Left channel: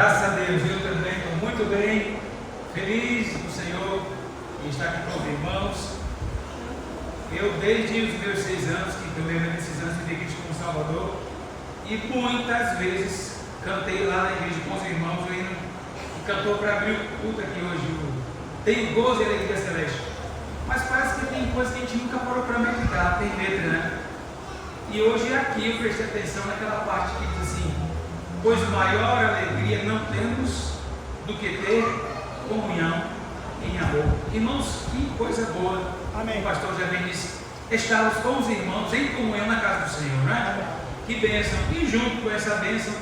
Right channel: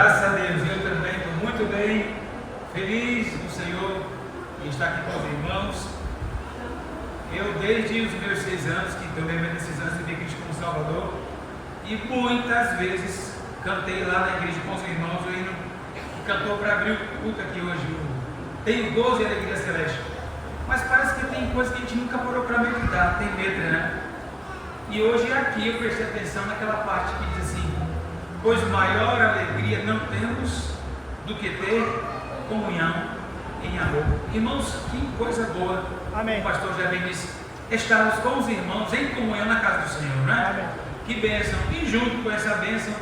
Graças a Deus, eu também estou muito bem, feliz do Senhor e estar aqui com os irmãos. Eu, desde os meus 6 anos, que estou vivendo esses anos de Cristo como Salvador, e muitas vezes cantei lá na igreja com os irmãos, o hino que cantou para abrir o culto aqui hoje. Tenho gozo e alegria celeste. Mas parece que tem coisas que a gente nunca parou para meditar, tem letra, né? E hoje aqui eu prestei atenção naquela parte que diz assim: pois maior alegria não temos do que ter comunhão em amor. Irmãos, que coisa boa. Amém. O pastor já bem disse, estarmos com os irmãos em comunhão na casa do Senhor, não é? Que bênção. E junto com essa bênção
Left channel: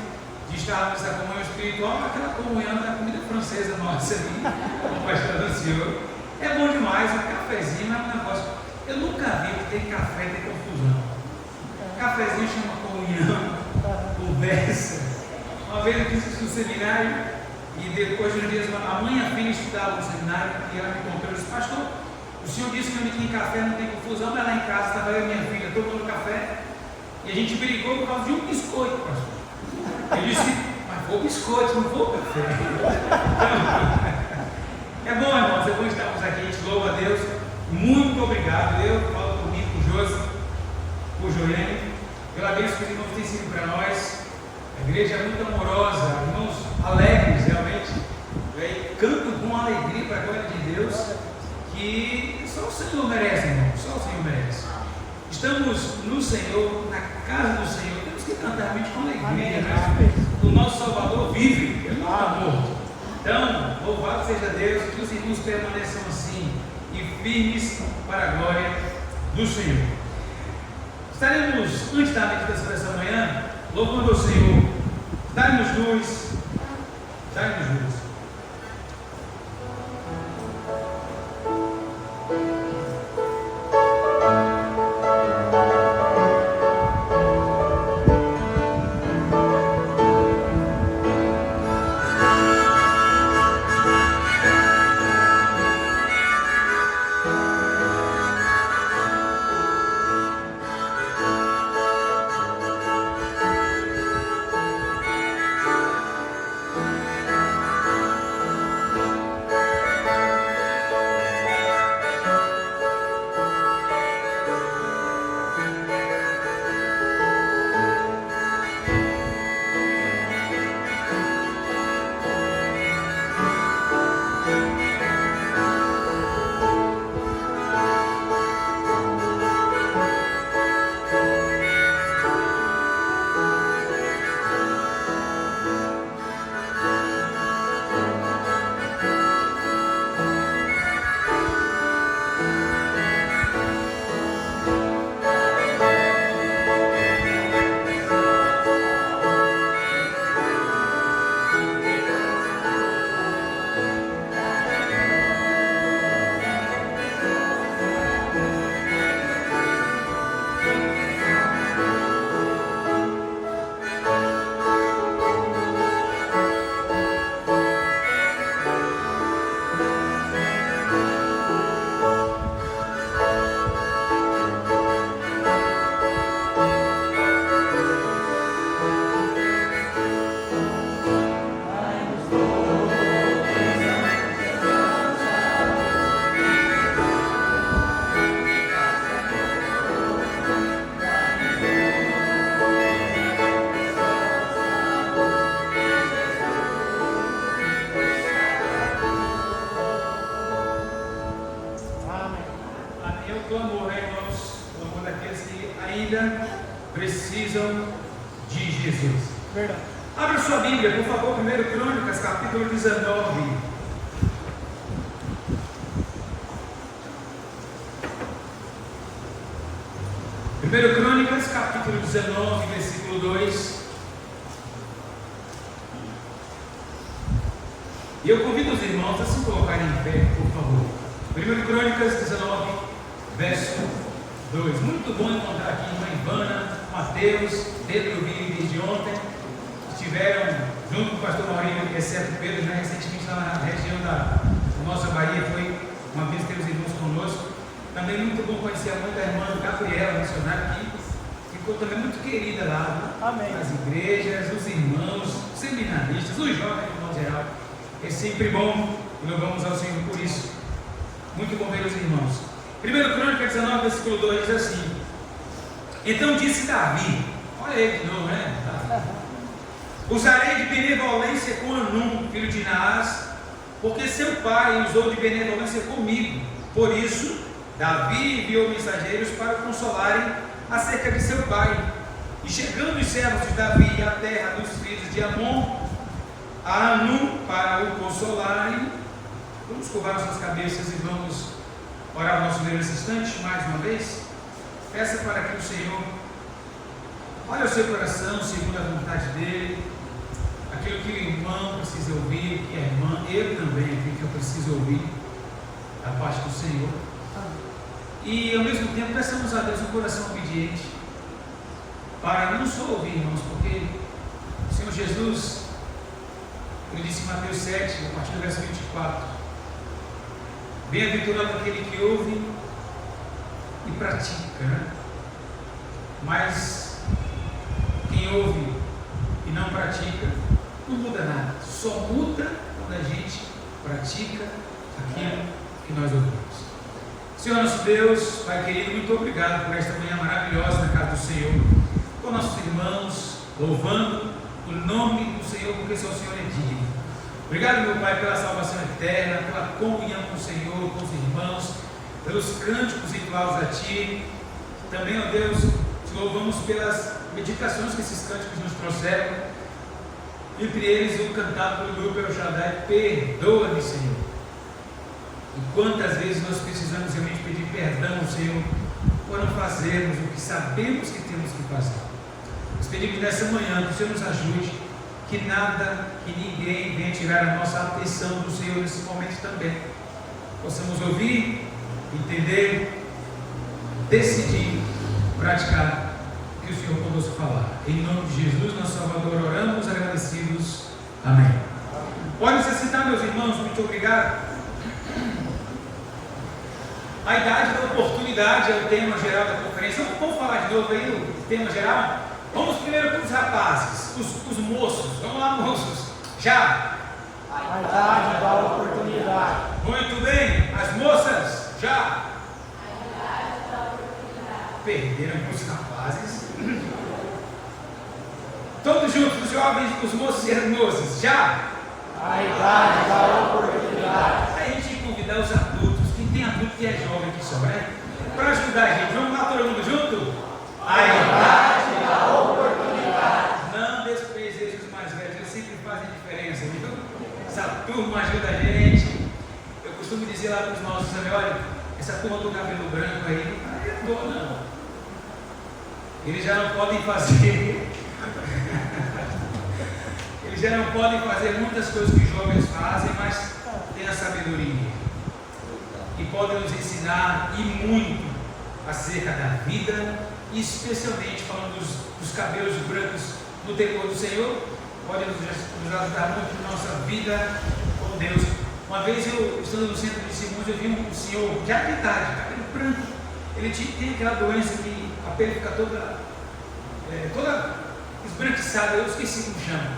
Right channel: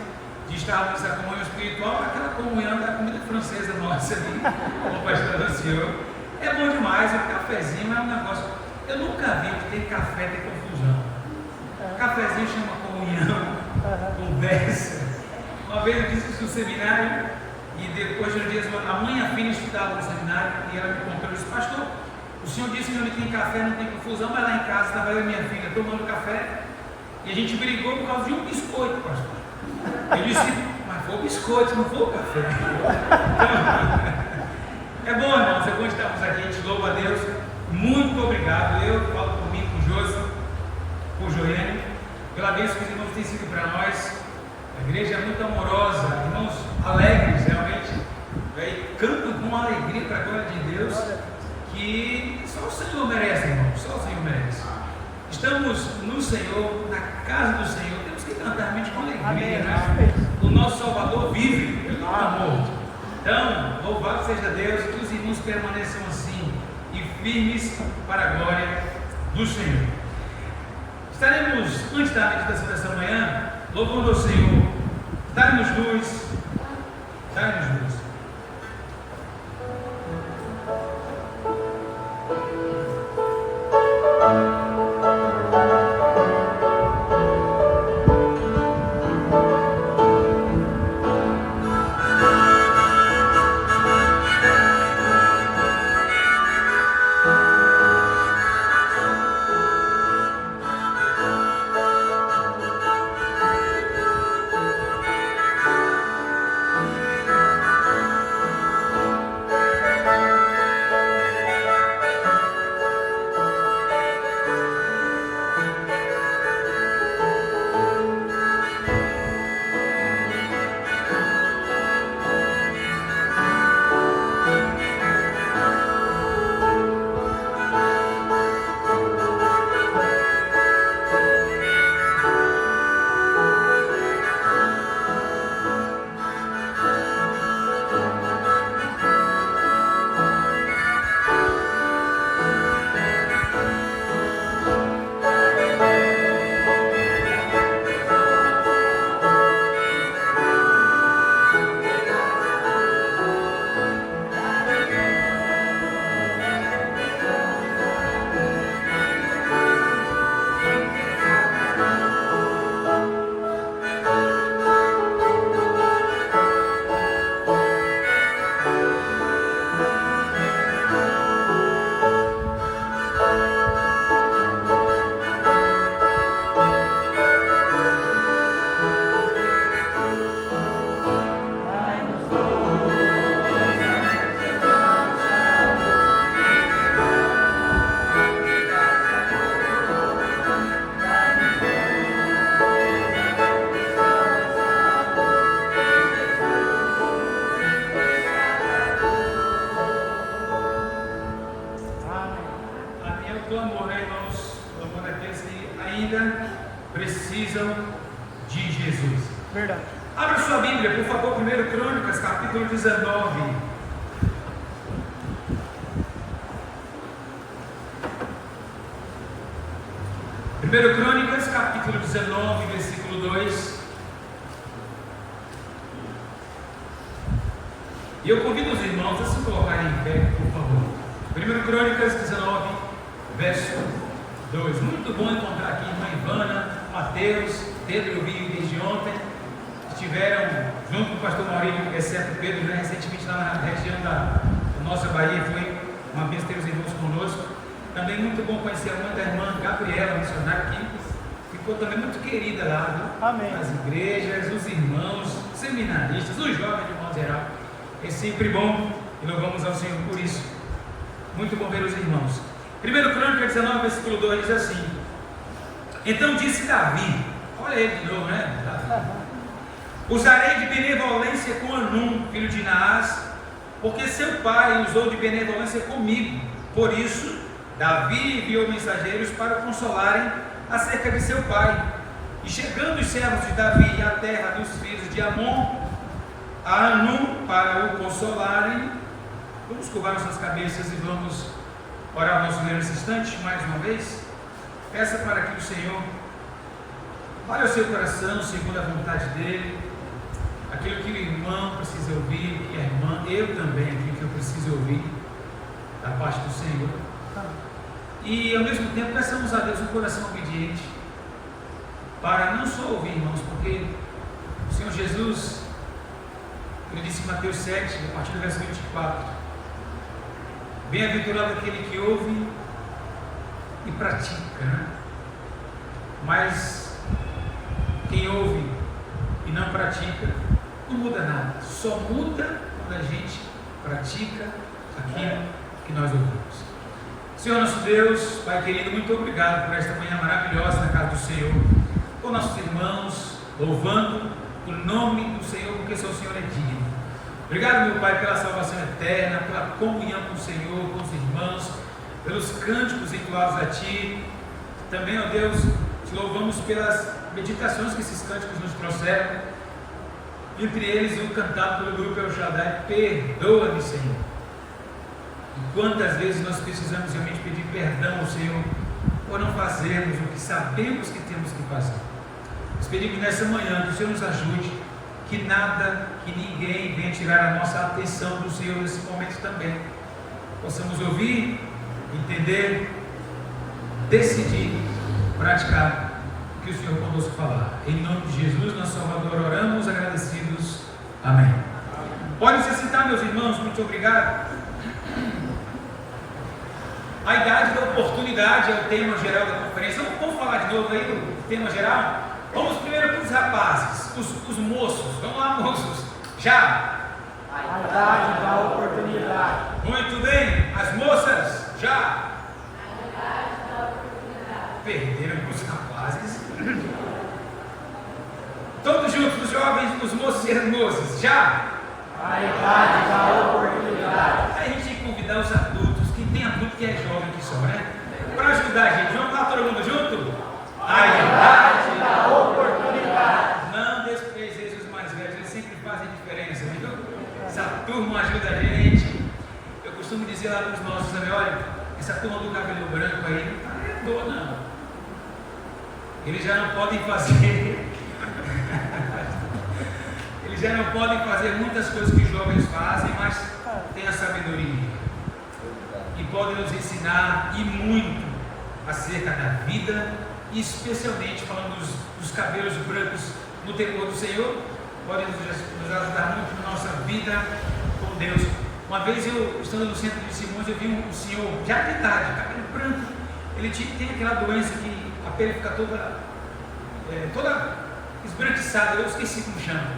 de estarmos nessa comunhão espiritual, aquela comunhão da comida francesa nossa ali, como o pastor anunciou. É bom demais, o cafezinho é um negócio. Eu nunca vi que tem café, tem confusão. Cafezinho chama comunhão, conversa. Uma vez eu disse isso no seminário, e depois de um dia a mãe e a filha estudavam no seminário, e ela me contou, eu disse: pastor, o senhor disse que onde tem café não tem confusão, mas lá em casa estava eu e minha filha tomando café, e a gente brigou por causa de um biscoito, pastor. Eu disse: mas foi o biscoito, não foi o café. Então, é bom, irmãos, é bom estarmos aqui, a gente louva a Deus. Muito obrigado. Eu falo por mim, por Josi, por Joiane, pela bênção que os irmãos têm sido para nós. A igreja é muito amorosa, irmãos alegres, realmente. Cantam com alegria para a glória de Deus, que só o Senhor merece, irmão, só o Senhor merece. Estamos no Senhor, na casa do Senhor, temos que cantar realmente com alegria, né? O nosso Salvador vive, Ele não está morto. Então, louvado seja Deus, que os irmãos permaneçam assim e firmes para a glória do Senhor. Estaremos, antes da meditação dessa manhã, louvando ao Senhor. Dá-nos luz, dá-nos luz. Precisam de Jesus. Verdade. Abra sua Bíblia, por favor, 1 Crônicas, capítulo 19. Primeiro Crônicas, capítulo 19, versículo 2. E eu convido os irmãos a se colocarem em pé, por favor. 1 Crônicas 19, verso 2. Muito bom encontrar aqui irmã Ivana, Mateus, Pedro, eu vi desde ontem, estiveram junto com o pastor Maurílio, exceto Pedro, já recentemente lá na região da nossa Bahia, foi uma vez ter os irmãos conosco. Também muito bom conhecer a mãe da irmã Gabriela, missionária aqui, ficou também muito querida lá, viu? Amém. As igrejas, os irmãos, seminaristas, dos jovens de modo geral. É sempre bom e louvamos ao Senhor por isso. Muito bom ver os irmãos. 1 Crônica 19, versículo 2 diz assim: então disse Davi, olha ele de novo, né? Usarei de benevolência com Anum, filho de Naás, porque seu pai usou de benevolência comigo. Por isso, Davi enviou mensageiros para o consolarem acerca de seu pai. E chegando os servos de Davi à terra dos filhos de Amon, a Anum, para o consolarem. Vamos curvar nossas cabeças e vamos orar nosso Deus nesse instante, mais uma vez. Peça para que o Senhor olhe o seu coração segundo a vontade dEle, aquilo que o irmão precisa ouvir, que a irmã, eu também, aquilo que eu preciso ouvir da parte do Senhor. E ao mesmo tempo peçamos a Deus um coração obediente, para não só ouvir, irmãos, porque o Senhor Jesus, ele disse em Mateus 7, a partir do verso 24: bem-aventurado aquele que ouve e pratica, né? Mas quem ouve e não pratica, não muda nada, só muda quando a gente pratica aquilo que nós ouvimos. Senhor nosso Deus, Pai querido, muito obrigado por esta manhã maravilhosa na casa do Senhor, com nossos irmãos, louvando o nome do Senhor, porque só o Senhor é digno. Obrigado, meu Pai, pela salvação eterna, pela comunhão com o Senhor, com os irmãos, pelos cânticos entoados a Ti. Também, ó Deus, te louvamos pelas meditações que esses cânticos nos trouxeram, entre eles o cantado pelo grupo El Shaddai, perdoa-me, Senhor. E quantas vezes nós precisamos realmente pedir perdão ao Senhor por não fazermos o que sabemos que temos que fazer. Nós pedimos nessa manhã que o Senhor nos ajude, que nada, que ninguém venha tirar a nossa atenção do Senhor nesse momento também. Possamos ouvir, entender, decidir, praticar o que o Senhor conosco falar. Em nome de Jesus, nosso Salvador, oramos agradecidos. Amém. Podem se sentar, meus irmãos, muito obrigado. A idade da oportunidade é o tema geral da conferência. Vamos falar de novo aí o tema geral? Vamos primeiro para os rapazes, os moços. Vamos lá, moços. Já? A idade da oportunidade. Muito bem. As moças? Já? Perderam os rapazes. Todos juntos, os jovens, os moços e as moças. Já? A idade da oportunidade. Aí a gente tem que convidar os adultos, que tem adulto que é jovem aqui só, né? Para ajudar a gente. Vamos lá, todo mundo junto? A idade da oportunidade. Não desprezeis os mais velhos, eles sempre fazem diferença, viu? Essa turma ajuda a gente. Eu costumo dizer lá para os nossos, olha, essa turma do cabelo branco aí não arredou, não. Eles já não podem fazer. Eles já não podem fazer muitas coisas que os jovens fazem, mas têm a sabedoria. E podem nos ensinar e muito acerca da vida, e especialmente falando dos cabelos brancos no temor do Senhor, pode nos ajudar muito na nossa vida com Deus. Uma vez eu, estando no centro de Simões, eu vi um senhor já de idade, cabelo branco. Ele tem aquela doença que a pele fica toda esbranquiçada, eu esqueci como chama.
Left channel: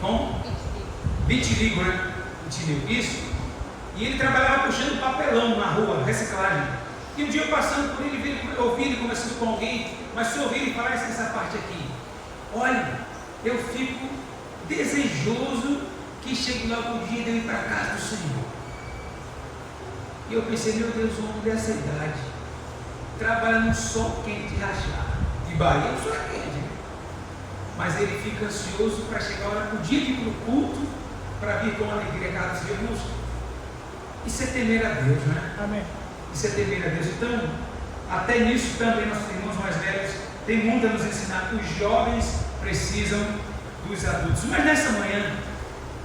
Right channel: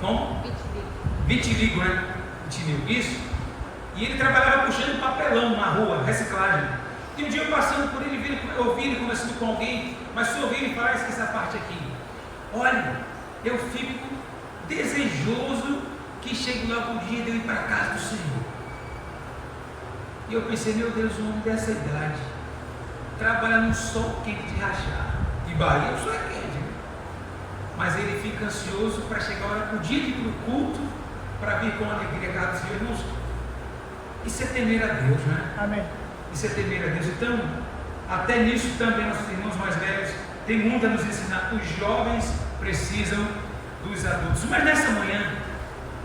Como? Vitiligo, né? Vitiligo, isso. E ele trabalhava puxando papelão na rua, reciclagem. E um dia eu passando por ele, eu ouvi ele conversando com alguém, mas só ouvi ele falar essa parte aqui. Olha, eu fico desejoso que chegue logo o dia de eu ir para a casa do Senhor. E eu pensei, meu Deus, um homem dessa idade trabalha num sol quente de rachar. De Bahia, o sol é quente, né? Mas ele fica ansioso para chegar a hora do dia de ir para o culto, para vir com alegria a casa do Senhor. Irmãos, isso é temer a Deus, né? Amém. Isso é temer a Deus. Então, até nisso também nossos irmãos mais velhos têm muito a nos ensinar. Os jovens precisam dos adultos. Mas nessa manhã,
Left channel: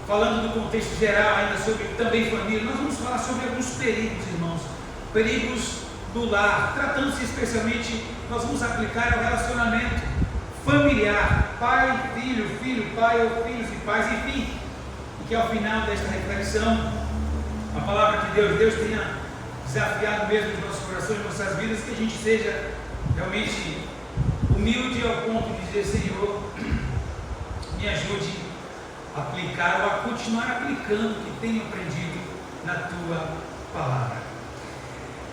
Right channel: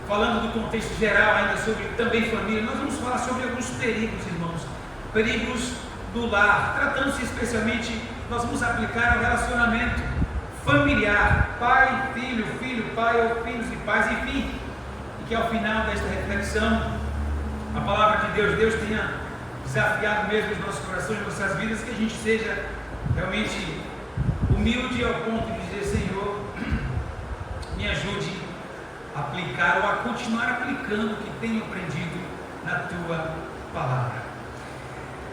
falando do contexto geral, ainda sobre também família, nós vamos falar sobre alguns perigos, irmãos. Perigos do lar. Tratando-se especialmente, nós vamos aplicar ao relacionamento familiar. Pai, filho, pai ou filhos e pais, enfim. E que ao final desta reflexão, a palavra de Deus tenha desafiado mesmo os nossos corações, nossas vidas, que a gente seja realmente humilde ao ponto de dizer, Senhor, me ajude aplicar ou a continuar aplicando o que tenho aprendido na tua palavra.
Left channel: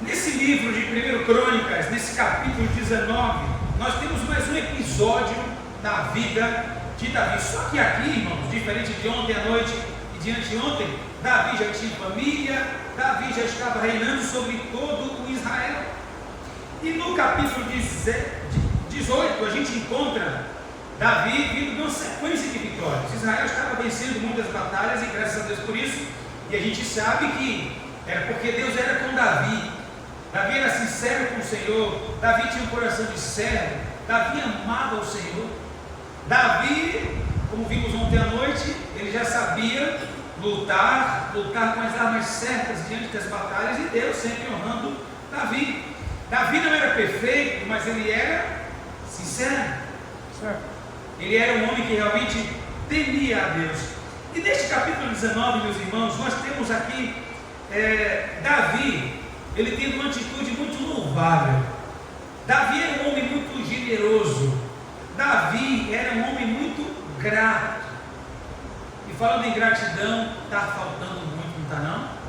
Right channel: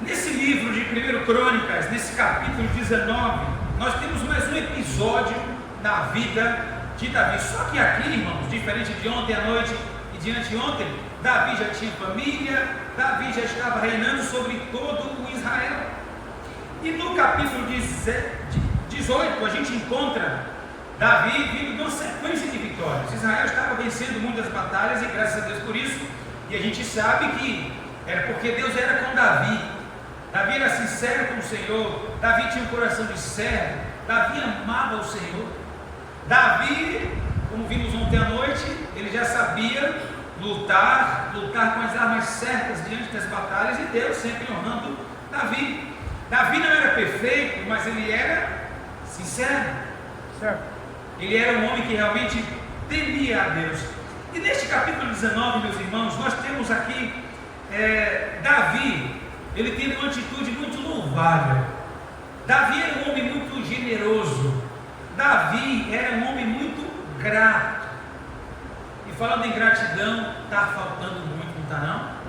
Nesse livro de 1 Crônicas, nesse capítulo 19, nós temos mais um episódio na vida de Davi. Só que aqui, irmãos, diferente de ontem à noite e de anteontem, Davi já tinha família, Davi já estava reinando sobre todo o Israel. E no capítulo 18 a gente encontra Davi vindo de uma sequência de vitórias. Israel estava vencendo muitas batalhas e graças a Deus por isso. E a gente sabe que era porque Deus era com Davi. Davi era sincero com o Senhor. Davi tinha um coração de servo. Davi amava o Senhor. Davi, como vimos ontem à noite, ele já sabia lutar com as armas certas diante das batalhas, e Deus sempre honrando Davi. Davi não era perfeito, mas ele era sincero, certo? Ele era um homem que realmente temia a Deus. E neste capítulo 19, meus irmãos, nós temos aqui Davi, ele teve uma atitude muito louvável. Davi era um homem muito generoso. Davi era um homem muito grato. E falando em gratidão, está faltando muito, não está não?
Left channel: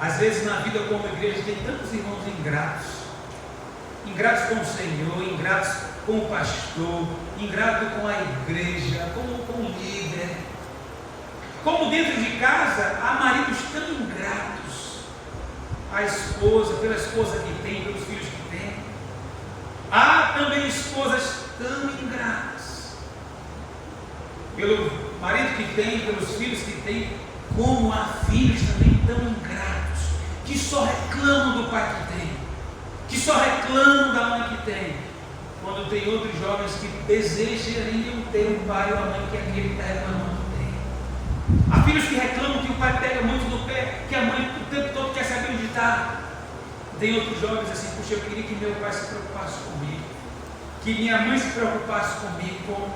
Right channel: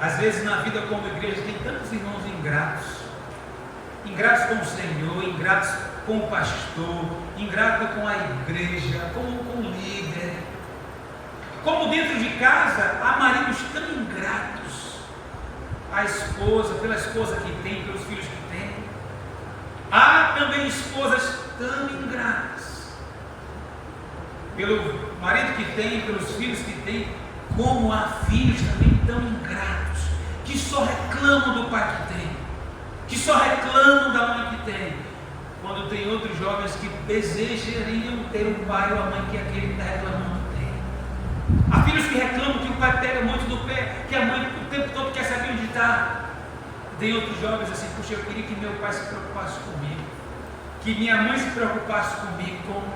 Às vezes na vida como igreja tem tantos irmãos ingratos. Ingratos com o Senhor, ingratos com o pastor, ingrato com a igreja, com o líder. Como dentro de casa há maridos tão ingratos. A esposa, pela esposa que tem, pelos filhos que tem. Há também esposas tão ingratas. Pelo marido que tem, pelos filhos que tem, como há filhos também tão ingratos, que só reclamam do pai que tem, que só reclamam da mãe que tem, quando tem outros jovens que desejariam ter um pai ou a mãe que aquele que está reclamando tem. Há filhos que reclamam que o pai pega muito no pé, que a mãe o tempo todo quer saber onde está. Tem outros jovens assim: puxa, eu queria que meu pai se preocupasse comigo, que minha mãe se preocupasse comigo, como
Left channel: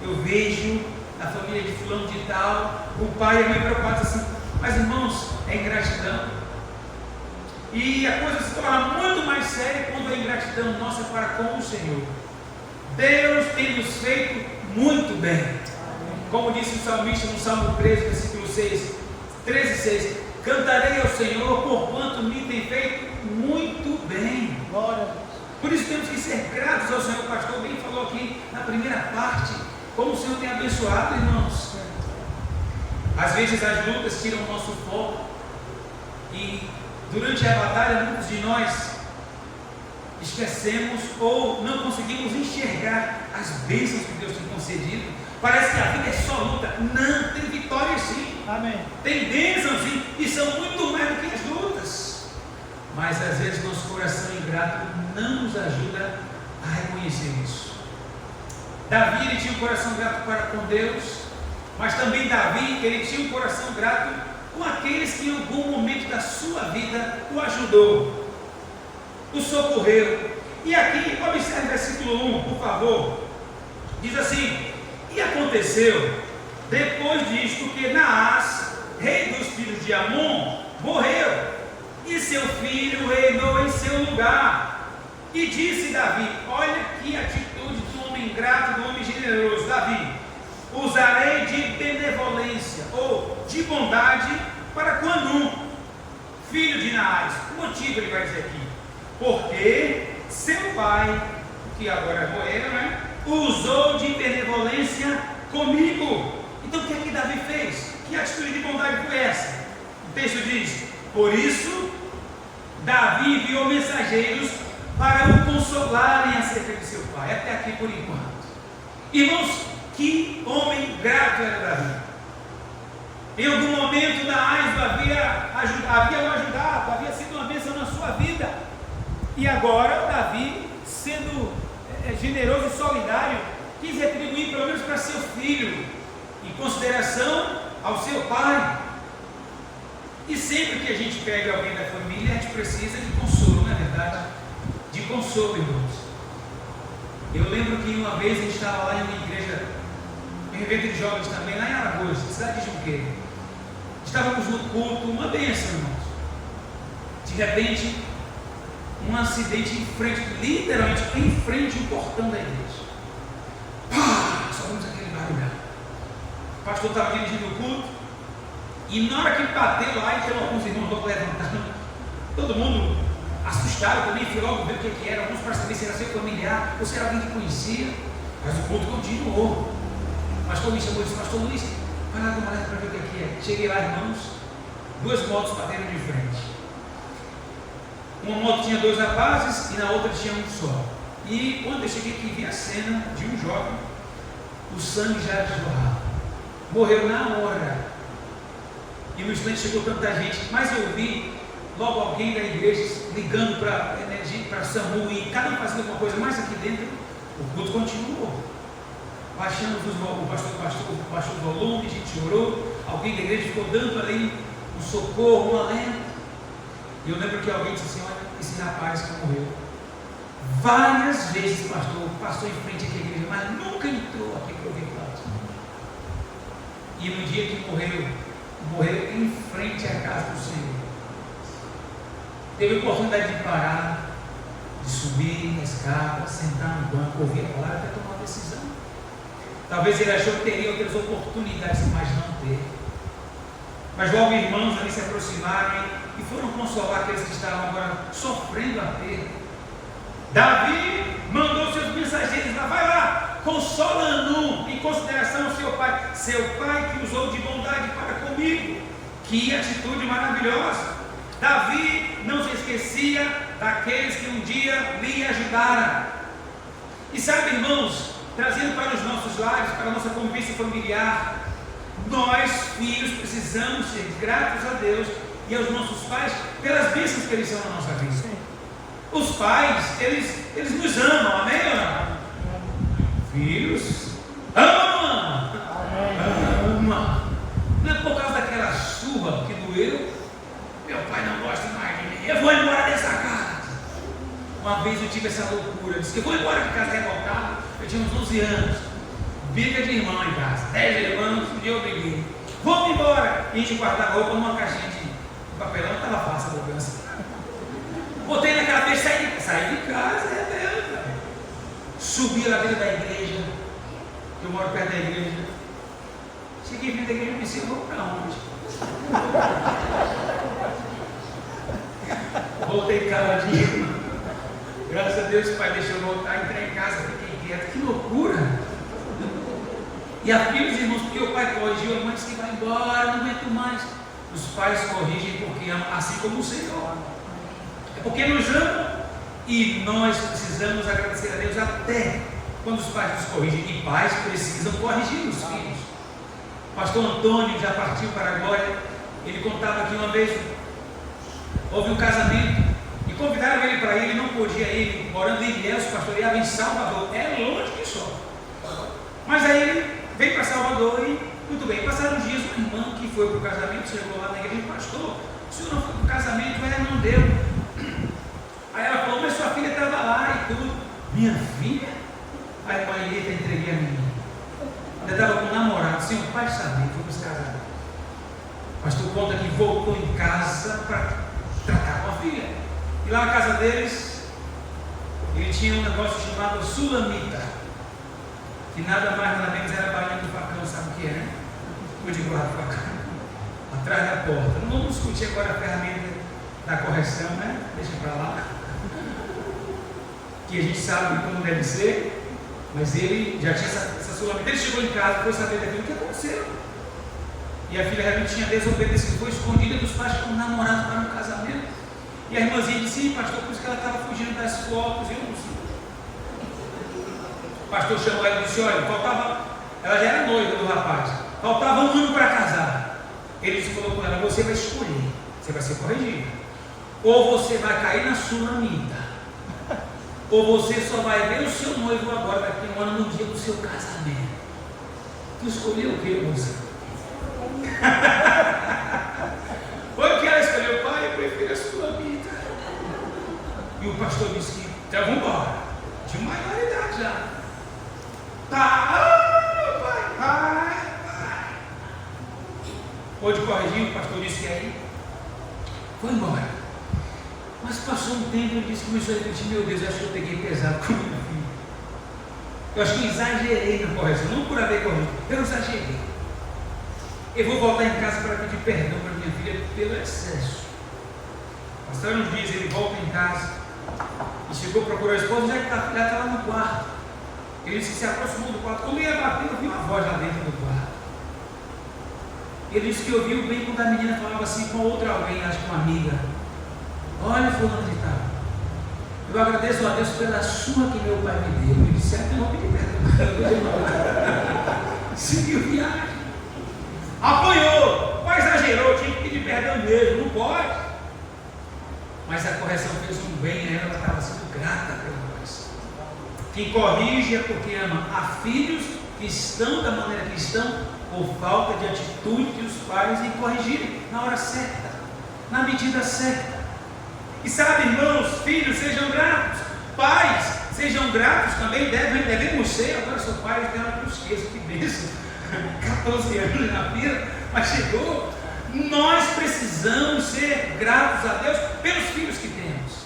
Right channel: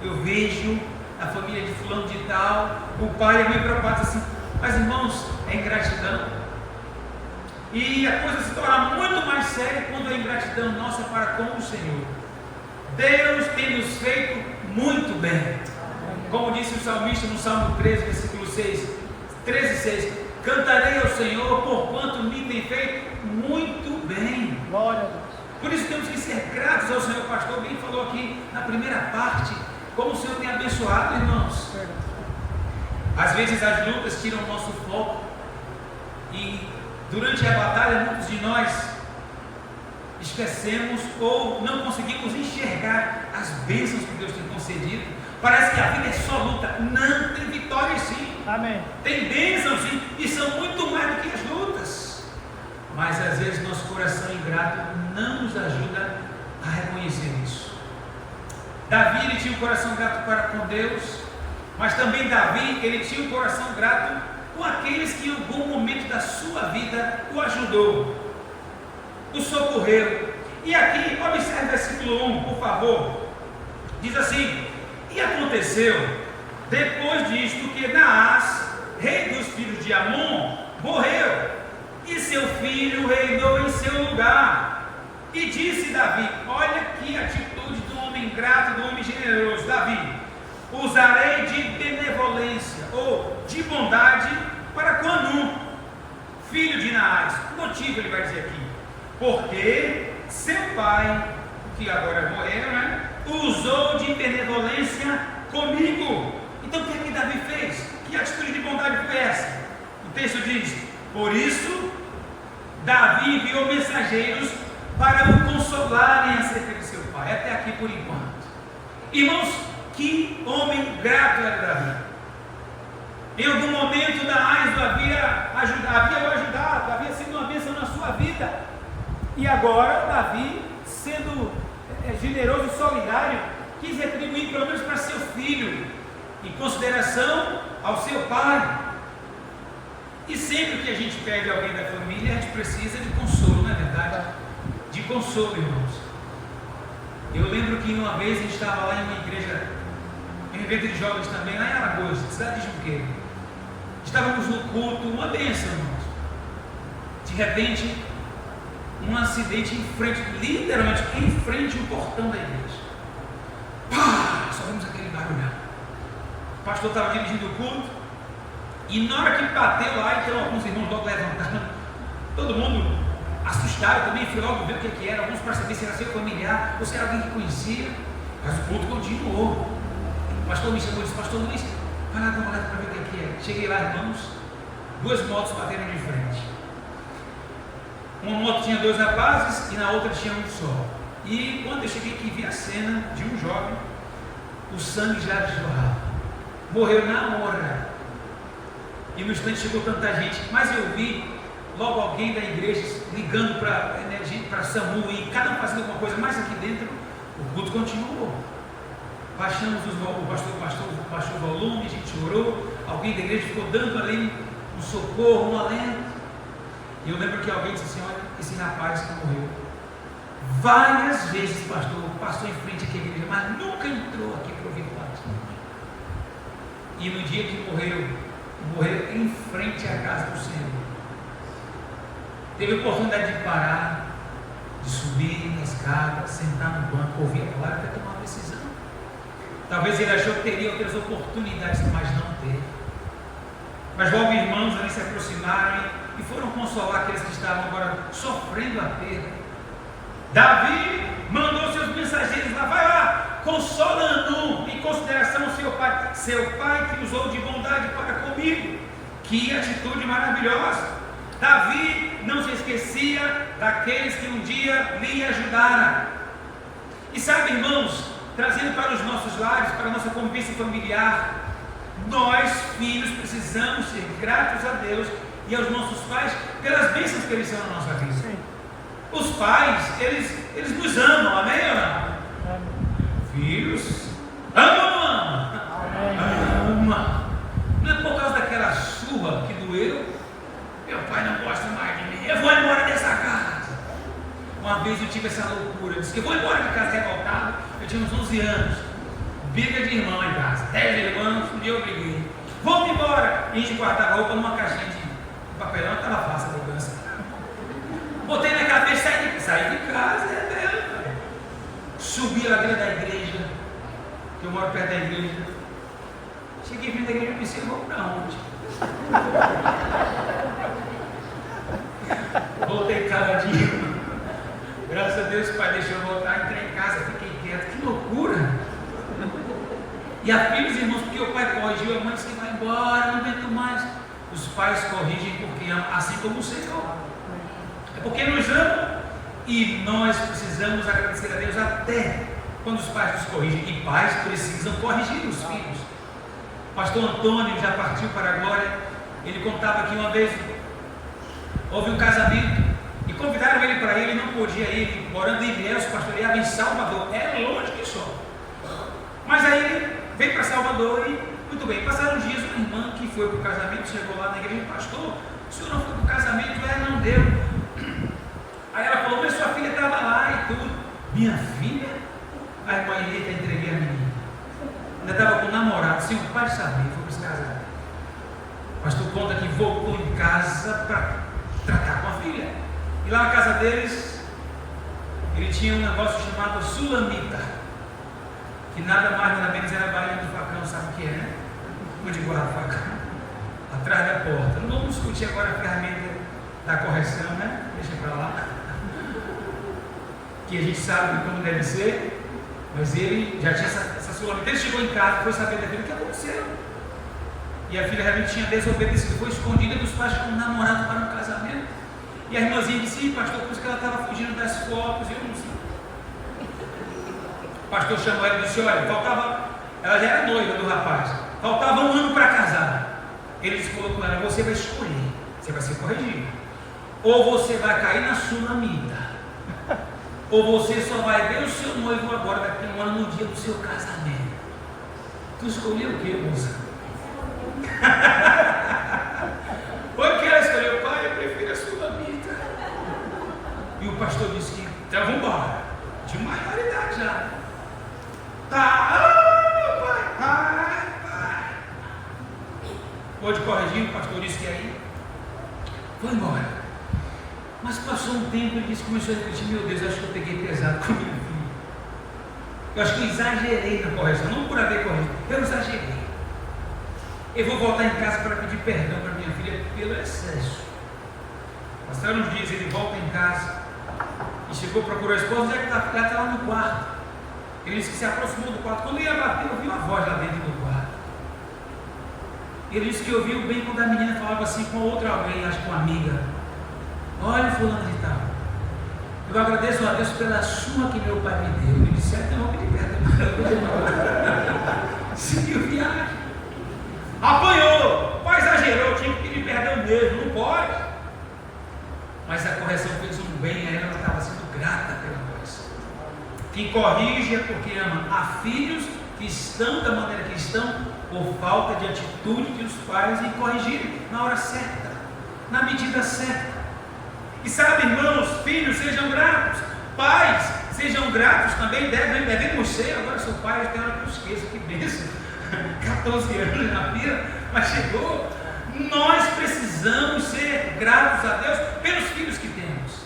eu vejo a família de fulano de tal, o pai e a mãe preocupados assim. Mas irmãos, é ingratidão. E a coisa se torna muito mais séria quando é ingratidão nossa para com o Senhor. Deus tem nos feito muito bem. Como disse o salmista no Salmo 13, versículo 6, 13, 6: cantarei ao Senhor, porquanto me tem feito muito bem. Glória. Por isso temos que ser gratos ao Senhor. O pastor bem falou aqui na primeira parte, como o Senhor tem abençoado, irmãos. Às vezes as lutas tiram o nosso foco, e durante a batalha muitos de nós esquecemos ou não conseguimos enxergar as bênçãos que Deus tem concedido. Parece que a vida é só luta. Não, tem vitória sim. Amém. Tem bênçãos sim, e são muito mais do que as lutas. Mas às vezes nosso coração ingrato não nos ajuda a reconhecer isso. Davi, ele tinha um coração grato para com Deus, mas também Davi, ele tinha um coração grato com aqueles que em algum momento da sua vida o ajudou, o socorreu. E aqui, observe o versículo 1, por favor. Diz assim: e aconteceu depois disto que Naás, rei dos filhos de Amon, morreu, e seu filho reinou em seu lugar. E disse Davi: olha que atitude do homem grato, do homem generoso. Davi: usarei de benevolência ou de bondade para com Anum, filho de Naás. O motivo ele vai dizer aqui: porque seu pai, que agora morreu, usou de benevolência comigo. Então o que é que Davi fez? Que atitude de bondade foi essa? O texto diz: por isso Davi enviou mensageiros para o consolarem acerca de seu pai. Até aqui por enquanto. Irmãos, que homem grato era Davi. Em algum momento Naás havia o ajudado, havia sido uma bênção na sua vida. E agora Davi, sendo generoso e solidário, quis retribuir pelo menos para seu filho, em consideração ao seu pai. E sempre que a gente perde alguém da família, a gente precisa de consolo, não é verdade? De consolo, irmãos. Eu lembro que uma vez a gente estava lá em uma igreja, em um evento de jovens também, lá em Alagoas, cidade de Junqueira. Estávamos no culto, uma bênção, irmãos. De repente, um acidente em frente, literalmente em frente ao portão da igreja. Pá! Só vimos aquele barulho. pastor estava dirigindo o culto, e na hora que bateu lá, então alguns irmãos logo levantaram, todo mundo assustado também, fui logo ver o que era, alguns para saber se era seu familiar, ou se era alguém que conhecia, mas o culto continuou. O pastor me chamou e disse: pastor Luiz, vai lá para ver o que é. Cheguei lá, irmãos, 2 motos bateram de frente. Uma moto tinha 2 rapazes e na outra tinha um só. E quando eu cheguei aqui, vi a cena de um jovem, o sangue já jorrava, morreu na hora. E no instante chegou tanta gente, mas eu vi logo alguém da igreja ligando para SAMU, e cada um fazendo alguma coisa, mas aqui dentro o culto continuou. Baixamos o pastor baixou o volume, a gente orou, alguém da igreja ficou dando ali um socorro, um alento. E eu lembro que alguém disse assim: olha, esse rapaz que morreu várias vezes, pastor, passou em frente aqui à igreja, mas nunca entrou aqui para ouvir falar. E no dia que morreu em frente à casa do Senhor. Teve a oportunidade de parar, de subir na escada, sentar no banco, ouvir a palavra, até tomar uma decisão. Talvez ele achou que teria outras oportunidades, mas não teve. Mas logo irmãos ali se aproximaram e foram consolar aqueles que estavam agora sofrendo a perda. Davi mandou seus mensageiros lá: vai lá, consola Hanun, em consideração ao seu pai que usou de bondade para comigo. Que atitude maravilhosa! Davi não se esquecia daqueles que um dia lhe ajudaram. E sabe, irmãos, trazendo para os nossos lares, para a nossa convivência familiar, nós, filhos, precisamos ser gratos a Deus e aos nossos pais pelas bênçãos que eles são na nossa vida. Os pais, eles nos amam, amém ou não? Filhos, ama! Não é por causa daquela surra que doeu. Meu pai não gosta mais de mim, eu vou embora dessa casa. Uma vez eu tive essa loucura, eu disse que eu vou embora de casa revoltado. Eu tinha uns 11 anos, briga de irmão em casa, 10 irmãos, um dia eu briguei. Vamos embora! E a gente guardava roupa numa caixinha de papelão, estava fácil a mudança. Botei na cabeça, saí de casa, velho. Subi lá dentro da igreja, que eu moro perto da igreja. Cheguei vindo da igreja e pensei: vou para onde? Voltei caladinho. Graças a Deus o pai deixou eu voltar, entrei em casa, fiquei quieto. Que loucura! E aqueles irmãos, porque o pai corrigiu, a mãe disse que vai embora, não aguento mais. Os pais corrigem porque amam, assim como o Senhor. É porque nos amam. E nós precisamos agradecer a Deus até quando os pais nos corrigem. E pais precisam corrigir os filhos. Pastor Antônio já partiu para a glória. Ele contava que uma vez houve um casamento e convidaram ele para ir, ele não podia ir, morando em Ilhéus, pastoreava em Salvador, era longe que só. Mas aí ele veio para Salvador e, muito bem, passaram uns dias, uma irmã que foi para o casamento, chegou lá na igreja: pastor, o senhor não foi para o casamento? Não deu. Aí ela falou: mas sua filha estava lá e tudo. Minha filha? A irmã Helena entreguei a menina. Ela estava com um namorado, sem o pai saber, foi para esse casamento. O pastor conta que voltou em casa para tratar com a filha. E lá na casa deles, ele tinha um negócio chamado sulamita, que nada mais nada menos era a bainha do facão, sabe o que é, né? Como de guardar facão, atrás da porta. Não vamos discutir agora a ferramenta da correção, né? Deixa para lá. Que a gente sabe como deve ser, mas ele já tinha essa sulamita. Ele chegou em casa e foi saber daquilo que aconteceu. E a filha realmente tinha desobedecido, foi escondida dos pais com um namorado para um casamento. E a irmãzinha disse: sim, pastor, por isso que ela estava fugindo das fotos. Eu não sei. O pastor chamou ela e disse: olha, ela já era noiva do rapaz, faltava um ano para casar. Ele falou com ela: você vai escolher, você vai ser corrigido. Ou você vai cair na sulamita, ou você só vai ver o seu noivo agora, daqui a um ano, no dia do seu casamento. Tu escolheu o que, moça? Foi que ela escolheu: pai, eu prefiro a sulamita. E o pastor disse que então vamos embora, de maioridade já. Pai. Pode corrigir, o pastor disse que aí foi embora. Mas passou um tempo e disse, começou a refletir: meu Deus, eu acho que eu peguei pesado com minha filha. Eu acho que eu exagerei na correção, não por haver corrigido, eu exagerei. Eu vou voltar em casa para pedir perdão para minha filha pelo excesso. Passaram uns dias, ele volta em casa e chegou, procurou a esposa, já está lá no quarto. Ele disse que se aproximou do quarto. Quando ia bater, eu vi uma voz lá dentro do quarto. Ele disse que ouviu bem quando a menina falava assim com outro alguém, acho que uma amiga: olha, fulano de tal, eu agradeço a Deus pela sua que meu pai me deu. Ele disse: então eu vou pedir perdão. Seguiu viagem. Apanhou, mas exagerou, tinha que pedir perdão mesmo, não pode. Mas a correção fez um bem a ela estava sendo grata pela voz. Quem corrige é porque ama. Há filhos que estão da maneira que estão por falta de atitude de os pais em corrigirem na hora certa, na medida certa. E sabe, irmãos, filhos, sejam gratos. Pais, sejam gratos também, devemos ser. Agora sou pai, tem hora que eu esqueço, que bênção. 14 anos na vida, mas chegou. Nós precisamos ser gratos a Deus pelos filhos que temos.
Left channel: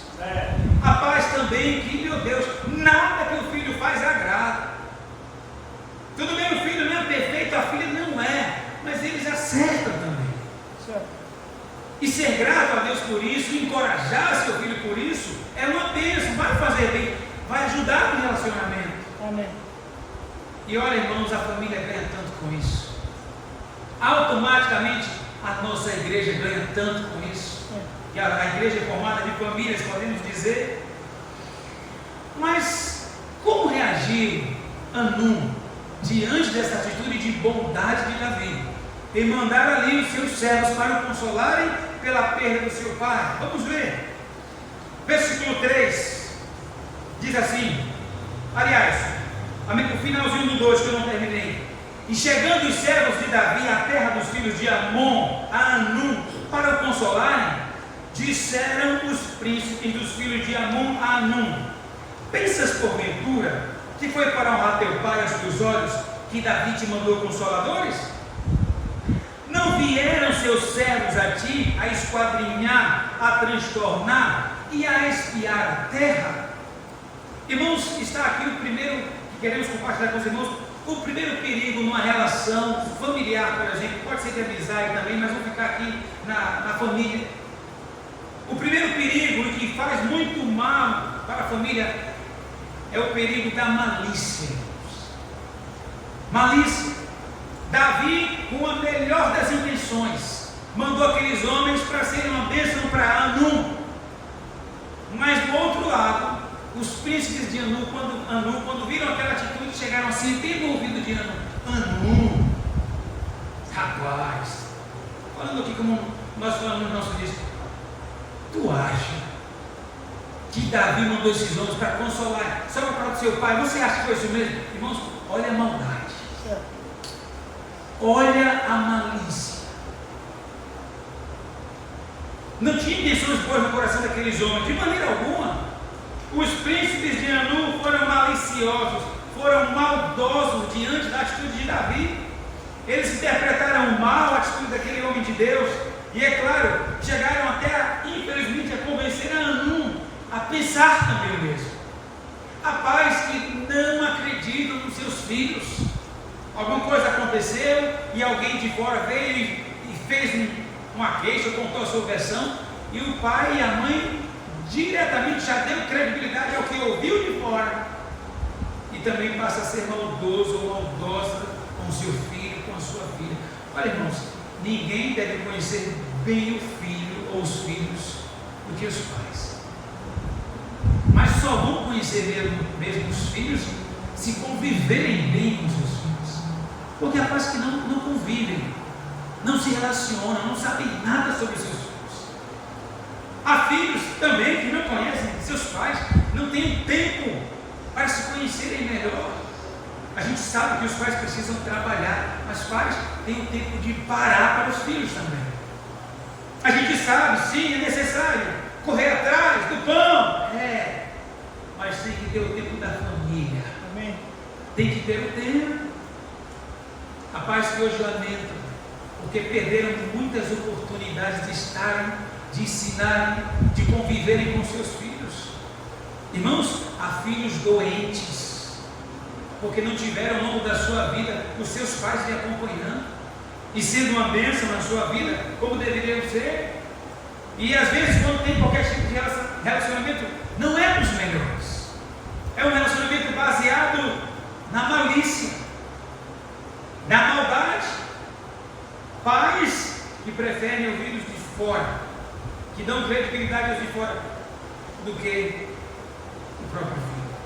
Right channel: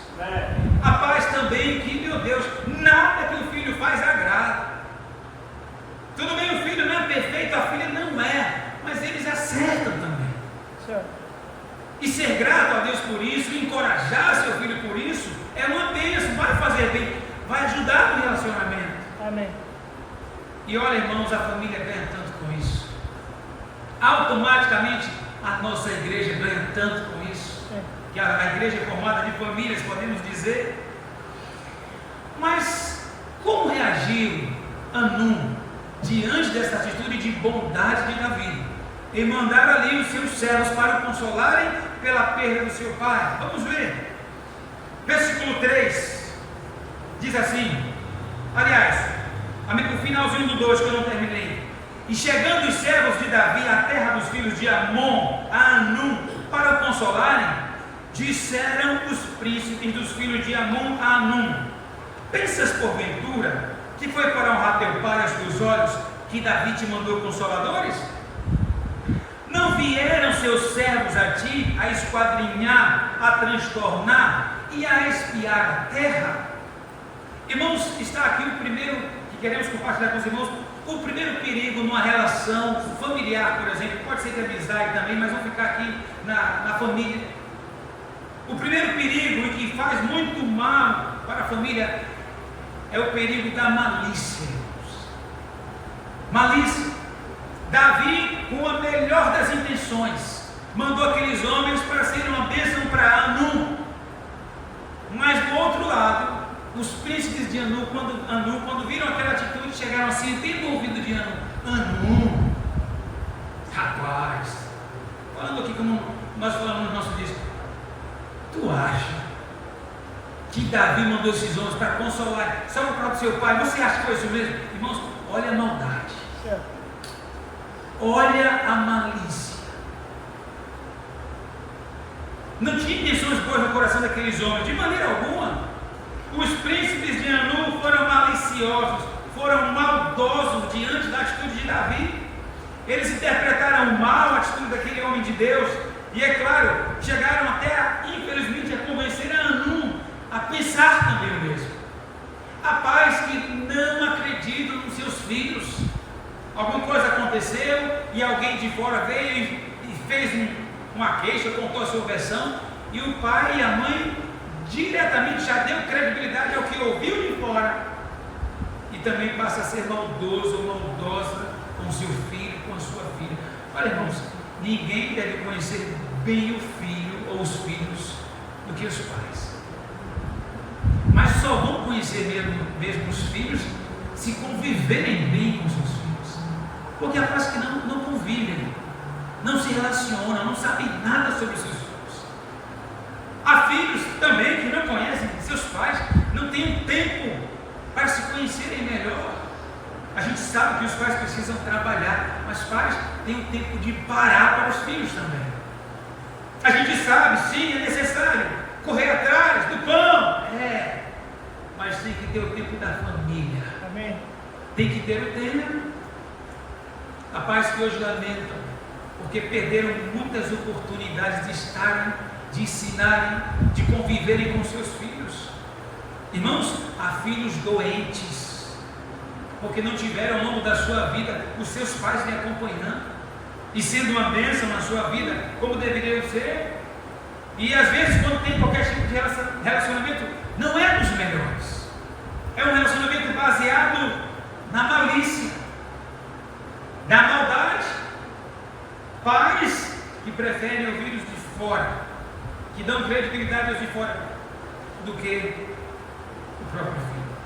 Há pais também que, meu Deus, nada que o filho faz agrada. Tudo bem, o filho não é perfeito, a filha não é, mas eles acertam também. E ser grato a Deus por isso, encorajar seu filho por isso, é uma bênção, vai fazer bem, vai ajudar no relacionamento. Amém. E olha, irmãos, a família ganha tanto com isso. Automaticamente a nossa igreja ganha tanto com isso. Que a igreja é formada de famílias, podemos dizer. Mas como reagiu Hanum diante dessa atitude de bondade de Davi? E mandar ali os seus servos para o consolarem pela perda do seu pai. Vamos ver. Versículo 3 diz assim, aliás, o finalzinho do 2 que eu não terminei. E chegando os servos de Davi à terra dos filhos de Amon, a Hanum, para o consolarem, disseram os príncipes dos filhos de Amon a Hanum: pensas porventura que foi para honrar teu pai aos teus olhos que Davi te mandou consoladores? Não vieram seus servos a ti a esquadrinhar, a transtornar e a espiar a terra? Irmãos, está aqui o primeiro que queremos compartilhar com os irmãos. O primeiro perigo numa relação familiar, por exemplo, pode ser de amizade também, mas vamos ficar aqui na família. O primeiro perigo, e que faz muito mal para a família, é o perigo da malícia. Malícia. Davi, com a melhor das intenções, mandou aqueles homens para serem uma bênção para Hanum. Mas do outro lado, os príncipes de Hanum, quando viram aquela atitude, chegaram assim, bem no ouvido de Hanum: Hanum, rapaz, falando aqui como nós falamos no nosso disco, tu acha que Davi mandou esses homens para consolar só para falar do seu pai? Você acha que foi isso mesmo? Irmãos, olha a maldade, olha a malícia. Não tinha intenções boas no coração daqueles homens, de maneira alguma. Os príncipes de Hanum foram maliciosos, foram maldosos diante da atitude de Davi. Eles interpretaram mal a atitude daquele homem de Deus, e é claro, chegaram até, infelizmente, a convencer a Hanum a pensar também o mesmo. Há pais que não acreditam nos seus filhos. Alguma coisa aconteceu e alguém de fora veio e fez uma queixa, contou a sua versão, e o pai e a mãe diretamente já deu credibilidade ao que ouviu de fora, e também passa a ser maldoso ou maldosa com seu filho, com a sua filha. Olha, irmãos, ninguém deve conhecer bem o filho ou os filhos do que os pais, mas só vão conhecer mesmo os filhos se conviverem bem com seus filhos, porque há pais que não convivem, não se relacionam, não sabem nada sobre seus filhos. Há filhos também que não conhecem seus pais, não têm tempo para se conhecerem melhor. A gente sabe que os pais precisam trabalhar, mas pais têm o tempo de parar para os filhos também. A gente sabe, sim, é necessário correr atrás do pão, mas tem que ter o tempo da família. Amém. Tem que ter o tempo. Há pais que hoje lamentam porque perderam muitas oportunidades de estarem, de ensinarem, de conviverem com seus filhos. Irmãos, há filhos doentes porque não tiveram ao longo da sua vida os seus pais lhe acompanhando. e sendo uma bênção na sua vida, como deveriam ser. E às vezes, quando tem qualquer tipo de relacionamento, não é dos melhores. É um relacionamento baseado na malícia, na maldade. Pais que preferem ouvir os de fora, que dão credibilidade aos de fora, do que o próprio filho.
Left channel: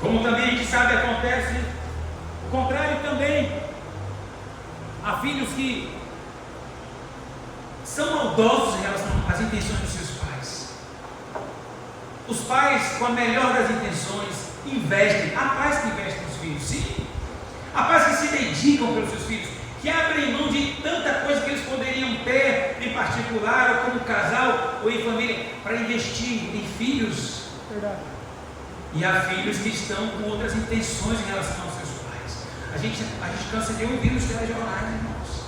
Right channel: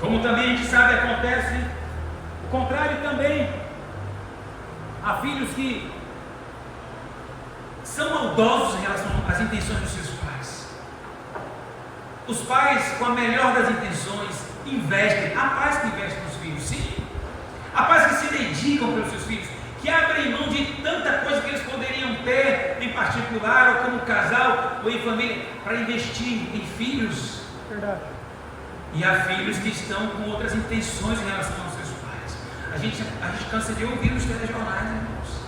Como também a gente sabe, acontece o contrário também. Há filhos que são maldosos em relação às intenções dos seus pais. Os pais, com a melhor das intenções, investem. Há pais que investem nos filhos, sim. Há pais que se dedicam pelos seus filhos, que abrem mão de tanta coisa que eles poderiam ter em particular, ou como casal, ou em família, para investir em filhos. Verdade. E há filhos que estão com outras intenções em relação aos seus pais. A gente cansa de ouvir nos telejornais, irmãos.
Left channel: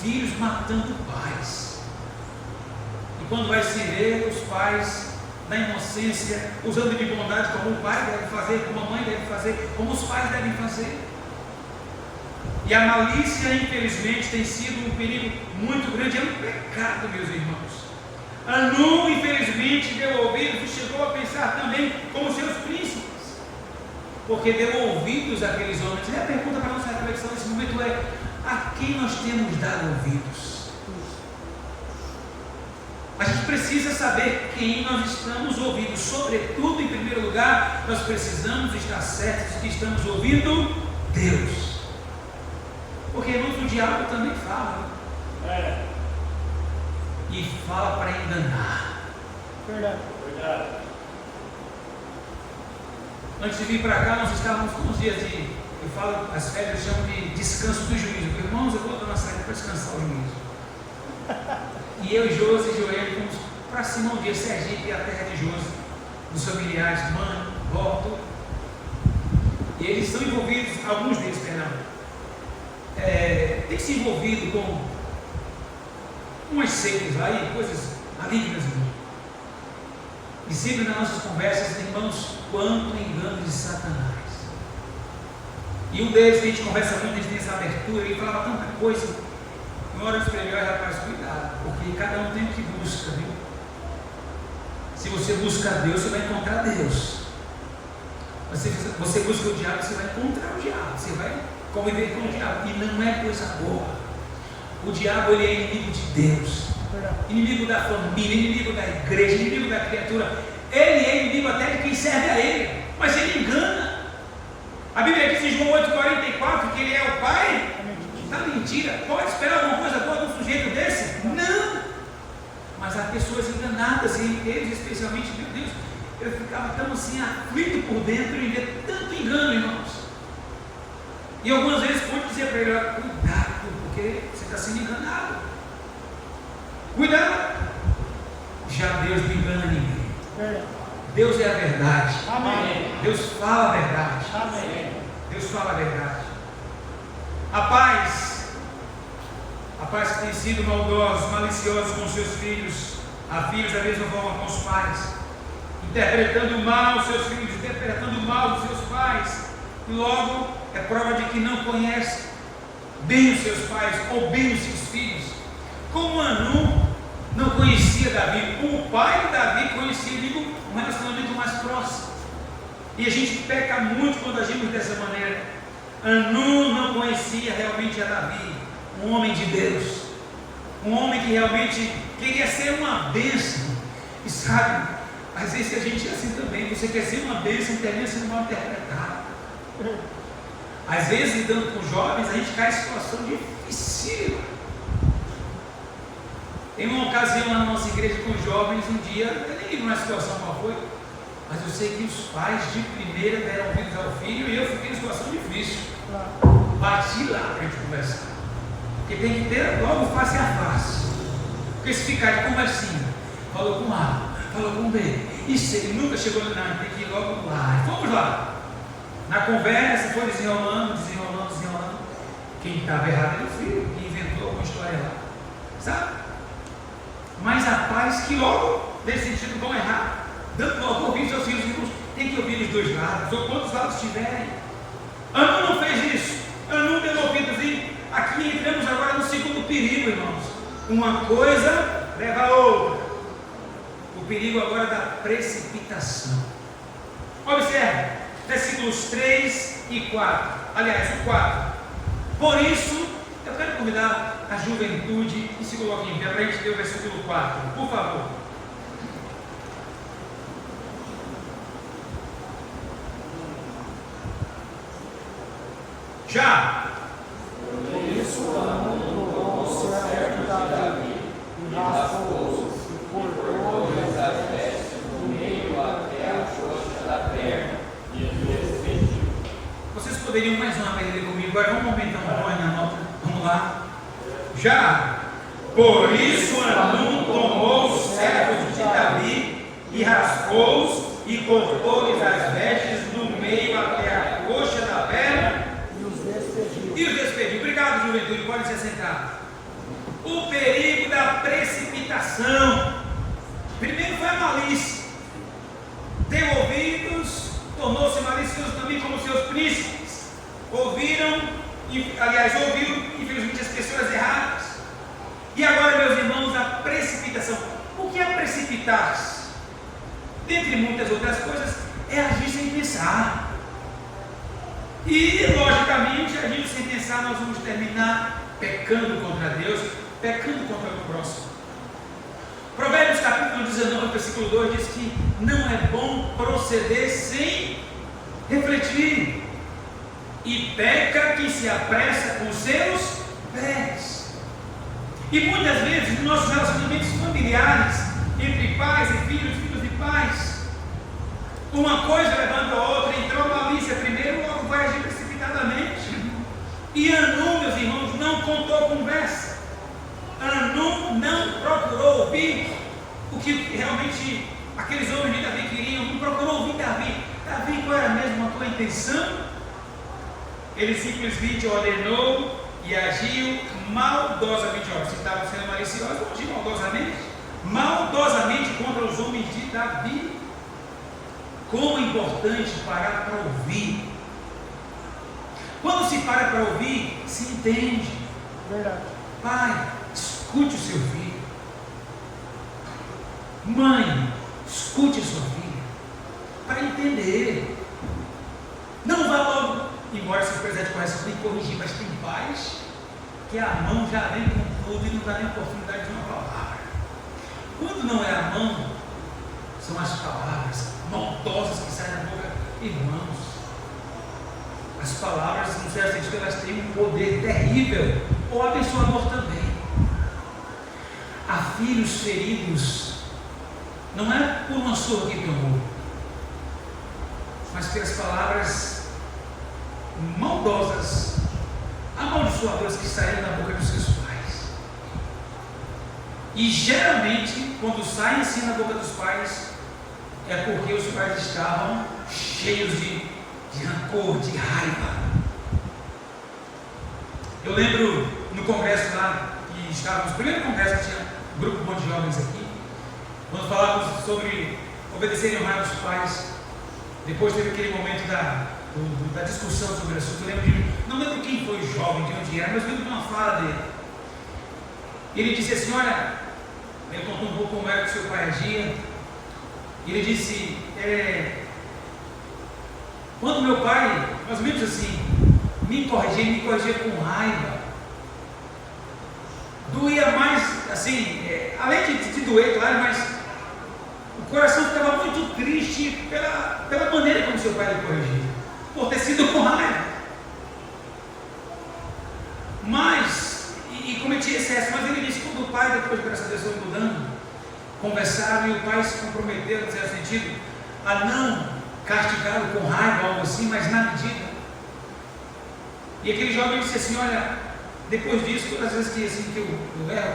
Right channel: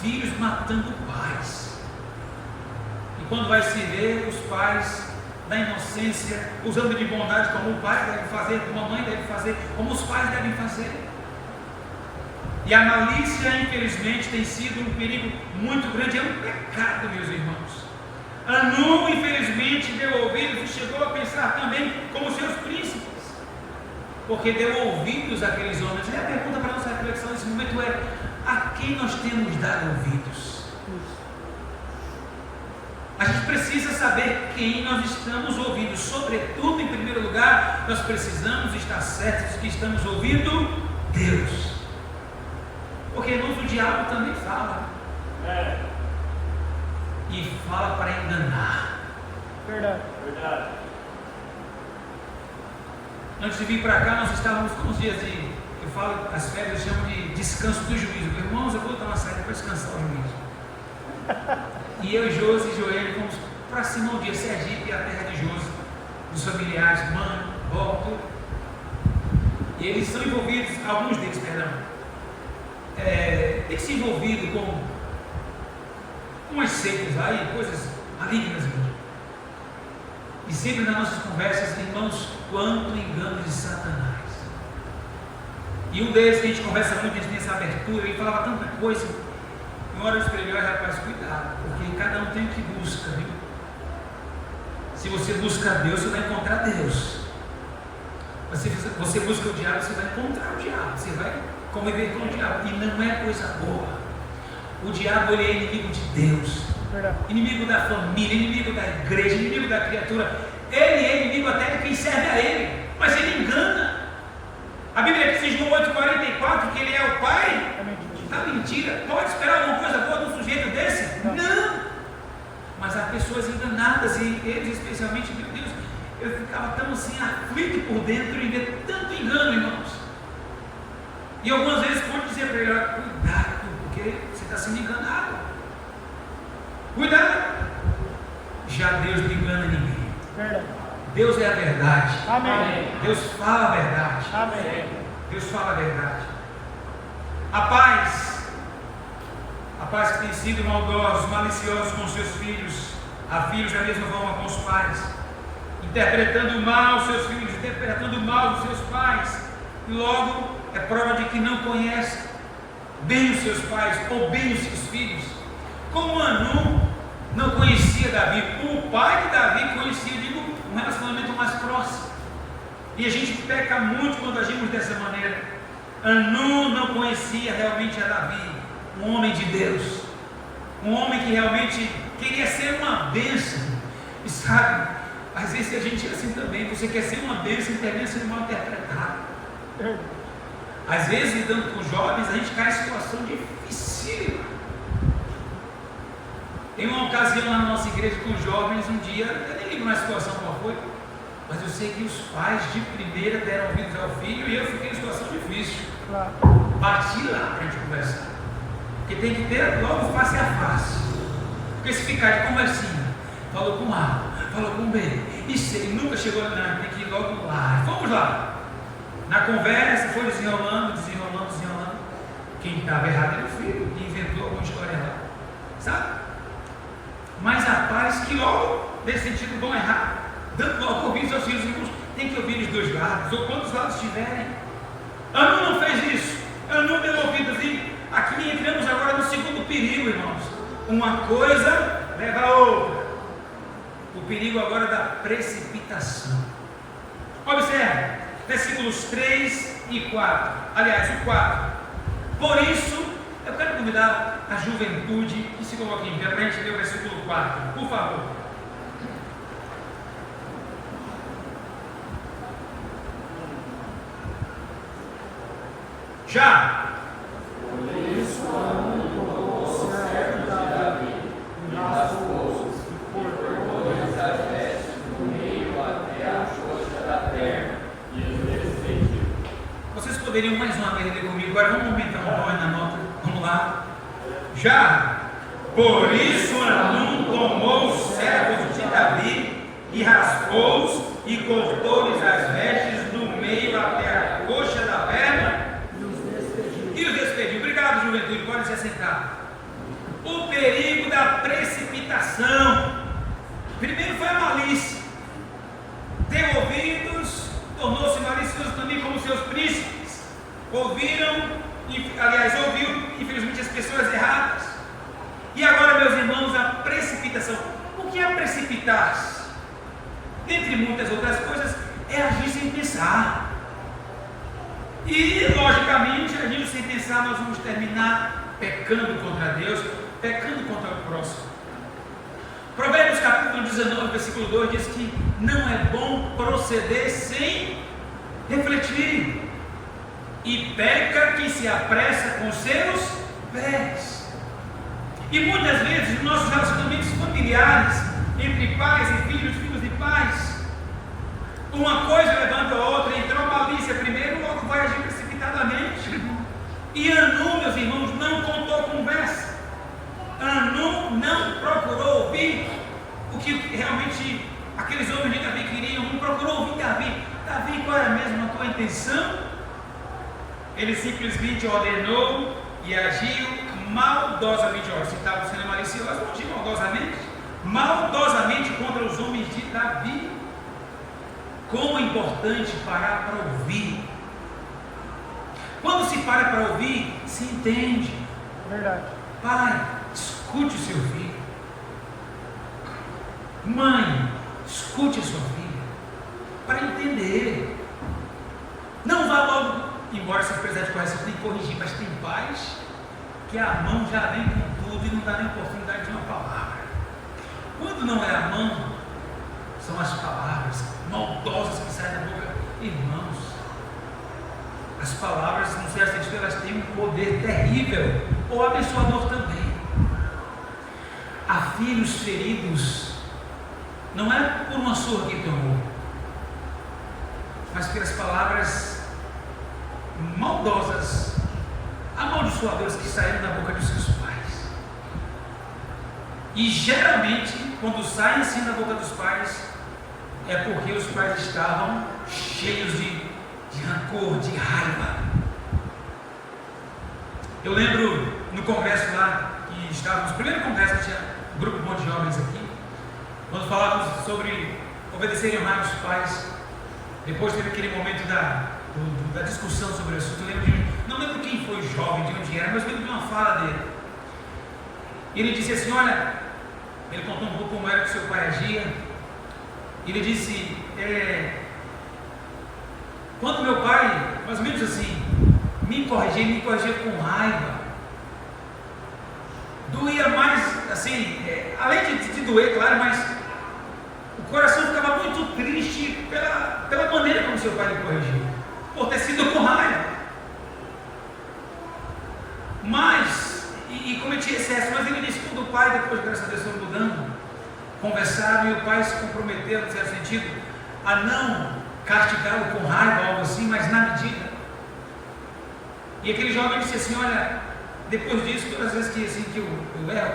Filhos matando pais. E quando vai se ver, os pais, na inocência, usando de bondade como o pai deve fazer, como a mãe deve fazer, como os pais devem fazer. E a malícia, infelizmente, tem sido um perigo muito grande, é um pecado, meus irmãos. Anum, infelizmente, deu ouvidos e chegou a pensar também como seus príncipes, porque deu ouvidos àqueles homens. E a pergunta para a nossa reflexão nesse momento é: a quem nós temos dado ouvidos? A gente precisa saber quem nós estamos ouvindo. Sobretudo, em primeiro lugar, nós precisamos estar certos de que estamos ouvindo Deus. Porque, irmãos, o diabo também fala. E fala para enganar. Verdade. Antes de vir para cá, nós estávamos com uns dias de, eu falo, as férias chamam de descanso do juízo. Irmãos, eu vou dar uma saída para descansar o juízo. E eu, Josi e Joel, fomos para Simão Dias, Sergipe, a terra de Josi, dos familiares, mãe, vó, tudo. E eles estão envolvidos, alguns deles, perdão, têm se envolvido com umas seitas aí, coisas malignas, irmãos. E sempre nas nossas conversas, irmãos, quanto engano de Satanás. E um deles, que a gente conversa muito, a gente tem essa abertura, ele falava tanta coisa. Uma hora eu escrevi: rapaz, cuidado, porque cada um tem o que busca, viu? Se você busca Deus, você vai encontrar Deus. Mas se você busca o diabo, você vai encontrar o diabo, você vai conviver com o diabo, e não é coisa boa. O diabo, ele é inimigo de Deus, inimigo da família, inimigo da igreja, inimigo da criatura. Ele é inimigo até de quem serve a ele, mas ele engana. A Bíblia diz em João 8,44 que ele é o pai da mentira. Pode esperar alguma coisa boa de um sujeito desse? Não. Mas há pessoas enganadas, e eles especialmente, meu Deus, eu ficava tão assim aflito por dentro e ver tanto engano, irmãos. E algumas vezes pode dizer para ele: cuidado, porque você está sendo enganado. Cuidado. Já Deus não engana ninguém. Deus é a verdade. Amém. Deus fala a verdade. Amém. Deus fala a verdade. Há pais que têm sido maldosos, maliciosos com seus filhos. Há filhos da mesma forma com os pais, interpretando mal os seus filhos, interpretando mal os seus pais. E logo é prova de que não conhece bem os seus pais ou bem os seus filhos. Como Anum não conhecia Davi, o pai de Davi conhecia, digo, um relacionamento mais próximo. E a gente peca muito quando agimos dessa maneira. Anum não conhecia realmente a Davi, um homem de Deus, um homem que realmente queria ser uma bênção. E sabe, às vezes a gente é assim também. Você quer ser uma bênção e termina sendo mal interpretado. Às vezes, lidando com jovens, a gente cai em situação difícil. Tem uma ocasião na nossa igreja com jovens, um dia, eu nem lembro na situação qual foi, mas eu sei que os pais de primeira deram ouvidos ao filho e eu fiquei em situação difícil. Bati lá para a gente conversar, porque tem que ter logo face a face. Porque se ficar de conversinha, falou com A, falou com B, e se ele nunca chegou, não, tem que ir logo lá. Vamos lá. Na conversa foi desenrolando. Quem estava errado era o filho, que inventou alguma história lá, sabe? Mas há pais que logo, nesse sentido, vão errar, dando logo ouvido aos filhos. Irmãos, tem que ouvir os dois lados, ou quantos lados tiverem. Anum não fez isso. Anum deu ouvidos, e aqui entramos agora uma coisa leva a outra. O perigo agora da precipitação. Observe, versículos 3 e 4. Aliás, o 4. Por isso, eu quero convidar a juventude e se coloque em pé para a gente ler o versículo 4. Por favor. Já. Por isso, o servo de Davi, e raspou e cortou-lhes as vestes do meio até a coxa da perna, e os despediu. Vocês poderiam mais uma vez ler comigo? Agora vamos aumentar um pouco na nota. Vamos lá. Já. Por isso Hanum tomou os servos de Davi e raspou-os e cortou-lhes as vestes do meio até a coxa da perna e os despediu. Obrigado, juventude, podem se assentar. O perigo da precipitação. Primeiro foi a malícia. Deu ouvidos, tornou-se malicioso também como seus príncipes. Ouviram, infelizmente, as pessoas erradas. E agora, meus irmãos, a precipitação. O que é precipitar-se? Dentre muitas outras coisas, é agir sem pensar. E, logicamente, agindo sem pensar, nós vamos terminar pecando contra Deus, pecando contra o próximo. Provérbios capítulo 19, versículo 2 diz que não é bom proceder sem refletir. E peca quem se apressa com seus pés. E muitas vezes, nos nossos relacionamentos familiares, entre pais e filhos, filhos de pais, uma coisa levando a outra, entrou malícia primeiro, logo vai agir precipitadamente. E Hanum, meus irmãos, não contou conversa. Hanum não procurou ouvir o que realmente aqueles homens de Davi queriam, não procurou ouvir Davi. Davi, qual era mesmo a tua intenção? Ele simplesmente ordenou e agiu maldosamente. Se estava sendo malicioso, agiu maldosamente contra os homens de Davi. Como é importante parar para ouvir. Quando se para para ouvir, se entende. Verdade. Pai, escute o seu filho. Mãe, escute a sua filha. Para entender. Não vá logo, embora se precisar de correção, tem que corrigir, mas tem pais que a mão já vem com tudo e não dá nem oportunidade de uma palavra. Quando não é a mão, são as palavras maldosas que saem da boca. Irmãos, as palavras, no certo sentido, elas têm um poder terrível, ou abençoador também. Há filhos feridos, não é por uma surra que tomou, mas pelas palavras maldosas, amaldiçoadoras que saíram da boca dos seus pais. E geralmente, quando saem assim da boca dos pais, é porque os pais estavam cheios de rancor, de raiva. Eu lembro no congresso lá, que estávamos, primeiro congresso que tinha um grupo bom de jovens aqui, quando falávamos sobre obedecer e honrar os pais. Depois teve aquele momento da discussão sobre o assunto. Eu lembro não lembro quem foi o jovem, de onde era, mas lembro de uma fala dele. Ele disse assim, olha, ele contou um pouco como era que seu pai agia. Ele disse, quando meu pai, mais ou menos assim, me corrigia com raiva, doía mais, assim, além de doer, claro, mas o coração ficava muito triste pela maneira como seu pai me corrigia, por ter sido com raiva. Mas, e cometia excesso, mas ele disse que quando o pai, depois, graças a Deus, foi mudando, conversaram e o pai se comprometeu, no certo sentido, a não castigá-lo com raiva ou algo assim, mas na medida. E aquele jovem disse assim, olha, depois disso, todas as vezes que, assim, que eu erro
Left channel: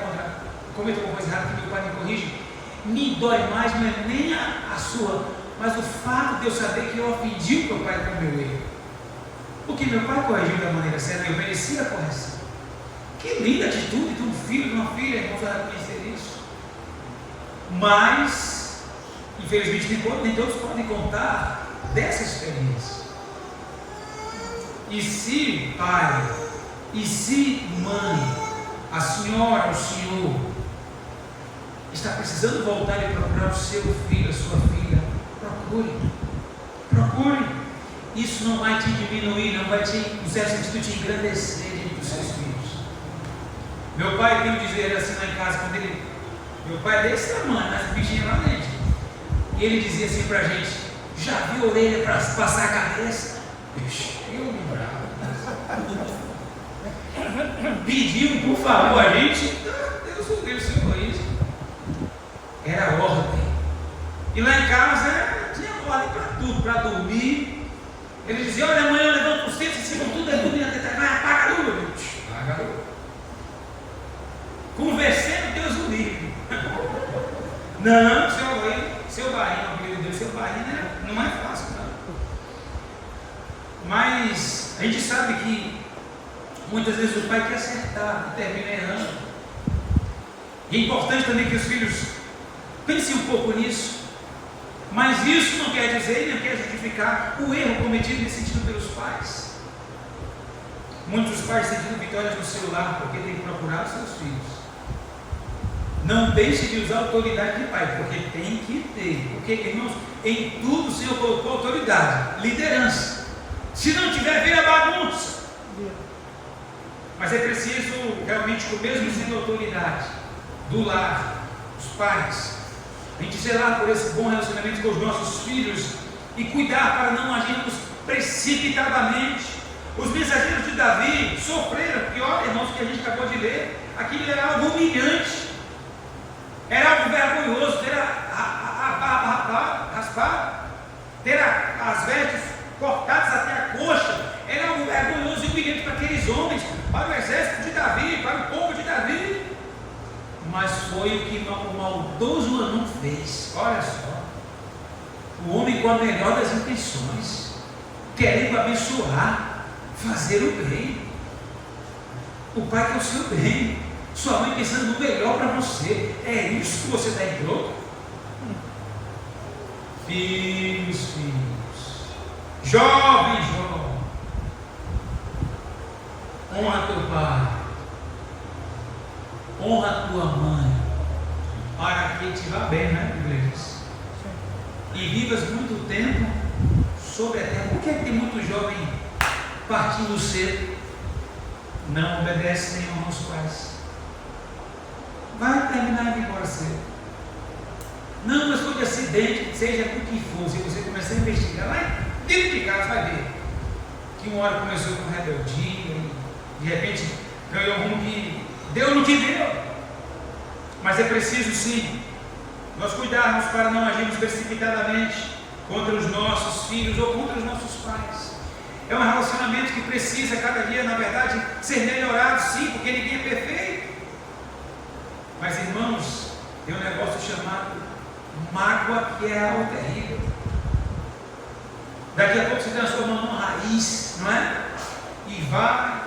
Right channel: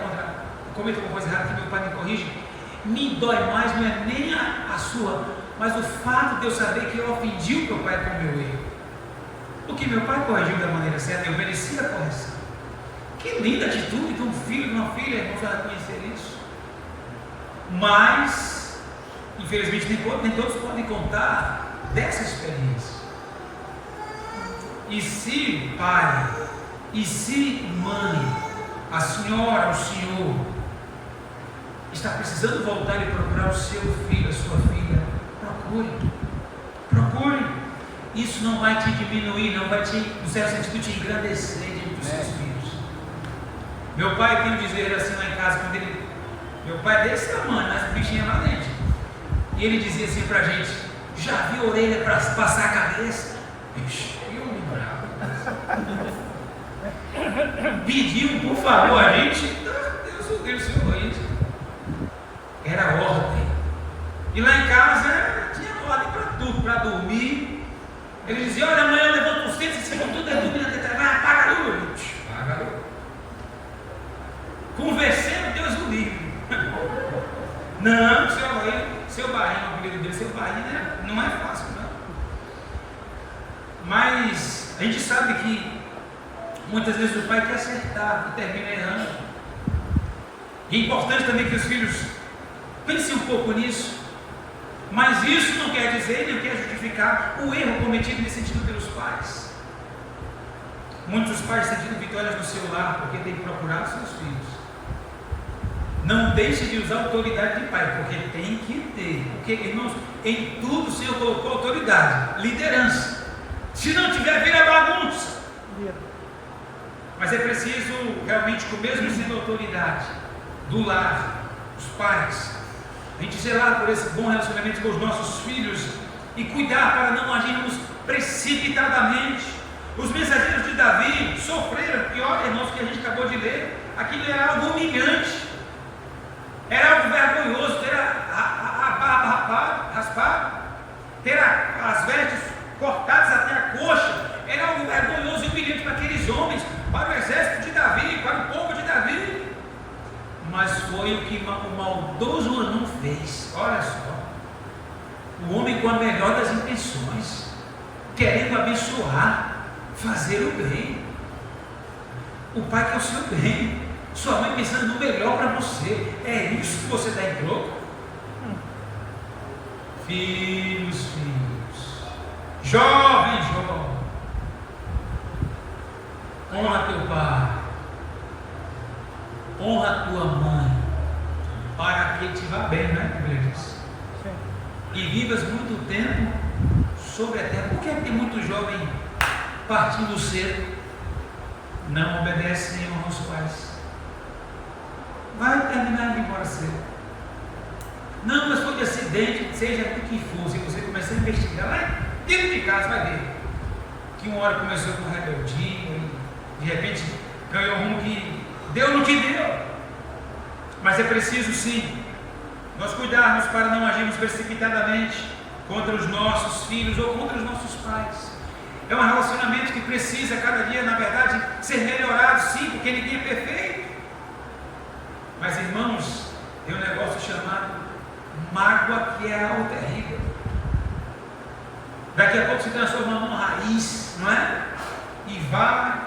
cometo alguma coisa errada, que meu pai me corrige, me dói mais, não é nem a sua, mas o fato de eu saber que eu ofendi o meu pai com o meu erro. Porque meu pai corrigiu da maneira certa, eu merecia a correção. Que linda atitude de um filho, de uma filha, irmãos, a reconhecer isso. Mas, infelizmente, nem todos podem contar dessa experiência. E se pai, e se mãe, a senhora, o senhor, está precisando voltar e procurar o seu filho, a sua filha, procure. Isso não vai te diminuir, não vai te, no certo sentido, te engrandecer diante dos seus filhos. Meu pai tem um dizer assim lá em casa, meu pai é desse tamanho, essa bichinha lá dentro, e ele dizia assim pra gente: já viu orelha para passar a cabeça? Eu me bravo. Pediu por favor a gente, Deus o Deus, Senhor, isso era ordem. E lá em casa tinha ordem para tudo, para dormir. Ele dizia: olha, amanhã eu levanto os centros, ficam tudo dormindo até trabalhar, apaga a luz. Apaga a luz. Conversando, Deus o livre. Não, seu barrinho, o apelido dele, seu barrinho, né? Não é fácil, não. Mas a gente sabe que muitas vezes o pai quer acertar e termina errando. E é importante também que os filhos pensem um pouco nisso. Mas isso não quer dizer, nem quer justificar o erro cometido nesse sentido pelos pais. Muitos pais sentindo vitórias no seu lar porque têm que procurar seus filhos. Não deixe de usar a autoridade de pai, porque tem que ter. Porque, irmãos, em tudo o Senhor colocou autoridade, liderança. Se não tiver, vem a bagunça. Mas é preciso realmente com o mesmo sentido de autoridade do lar, dos pais, a gente zelar por esse bom relacionamento com os nossos filhos e cuidar para não agirmos precipitadamente. Os mensageiros de Davi sofreram, e olha, irmãos, que a gente acabou de ler, aquilo era algo humilhante, era algo vergonhoso, ter a barba raspada, ter as vestes cortadas até a coxa, era algo vergonhoso e humilhante para aqueles homens, para o exército de Davi, para o povo de Davi. Mas foi o que o maldoso Hanun fez. Olha só, o homem com a melhor das intenções, querendo abençoar, fazer o bem. O pai quer o seu bem, sua mãe pensando no melhor para você. É isso que você está em troco? Filhos, jovem, honra teu pai, honra tua mãe, para que te vá bem, né, Bíblia diz? E vivas muito tempo sobre a terra. Por que tem muito jovem partindo cedo? Não obedece nem honra aos pais. Vai terminar de ir embora cedo. Não, mas foi de acidente, seja o que for. Se você começar a investigar lá dentro de casa, vai ver que uma hora começou com rebeldia, de repente ganhou um rumo que deu no que deu. Mas é preciso sim nós cuidarmos para não agirmos precipitadamente contra os nossos filhos ou contra os nossos pais. É um relacionamento que precisa cada dia, na verdade, ser melhorado, sim, porque ninguém é perfeito. Mas, irmãos, tem um negócio chamado mágoa, que é algo terrível. Daqui a pouco se transforma numa raiz, não é? E vai.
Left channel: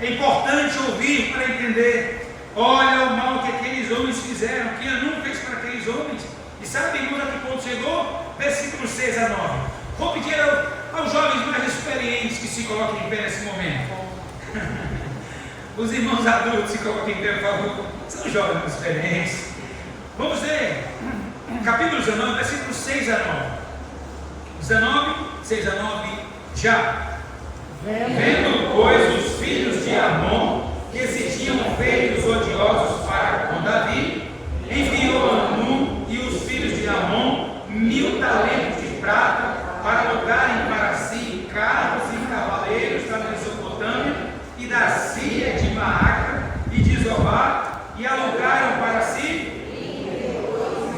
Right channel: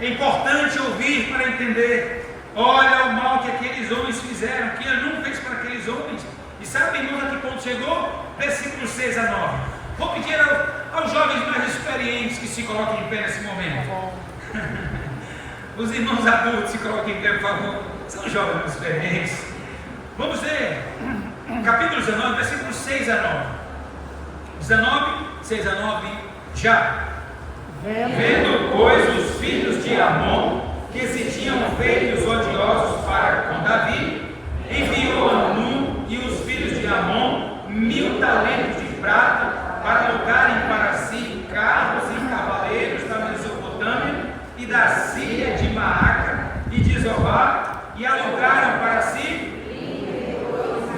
É importante ouvir para entender. Olha o mal que aqueles homens fizeram, que Hanun fez para aqueles homens. E sabe, irmãos, a que ponto chegou? Versículos 6 a 9. Vou pedir aos jovens mais experientes que se coloquem em pé nesse momento. Os irmãos adultos se coloquem em pé, por favor. São jovens mais experientes. Vamos ler capítulo 19, versículos 6 a 9. 19, 6 a 9. Já. Vendo, pois, os filhos de Amon que se tinham feito odiosos para com Davi, enviou Hanun e os filhos de Amon 1000 talentos de prata para alugarem para si carros e cavaleiros da Mesopotâmia e da Síria, de Maaca e de Zobá, e alugaram para si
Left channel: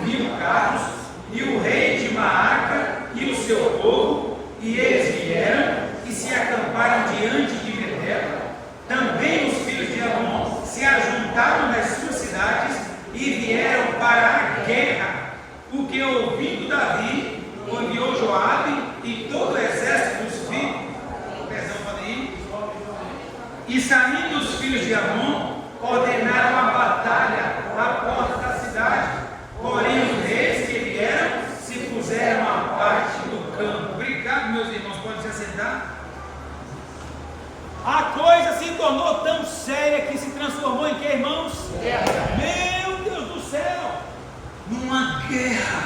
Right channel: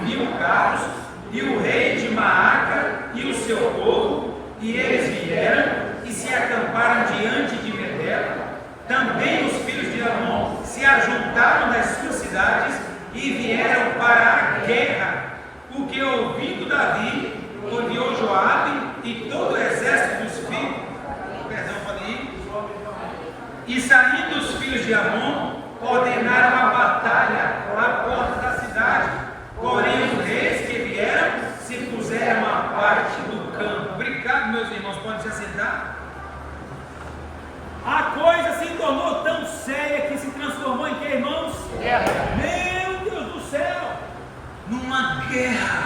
1000 carros, e o rei de Maaca e o seu povo, e eles vieram e se acamparam diante de Medeba. Também os filhos de Amon se ajuntaram das suas cidades e vieram para a guerra. O que, ouvindo Davi, enviou Joabe e todo o exército dos filhos. Pode ir. E saindo os filhos de Amon, ordenaram a batalha à porta da cidade. Porém, os reis que vieram se puseram à parte do campo. Obrigado, meus irmãos, podem se assentar. A coisa se tornou tão séria que se transformou em que, irmãos? Meu Deus do céu! Numa guerra.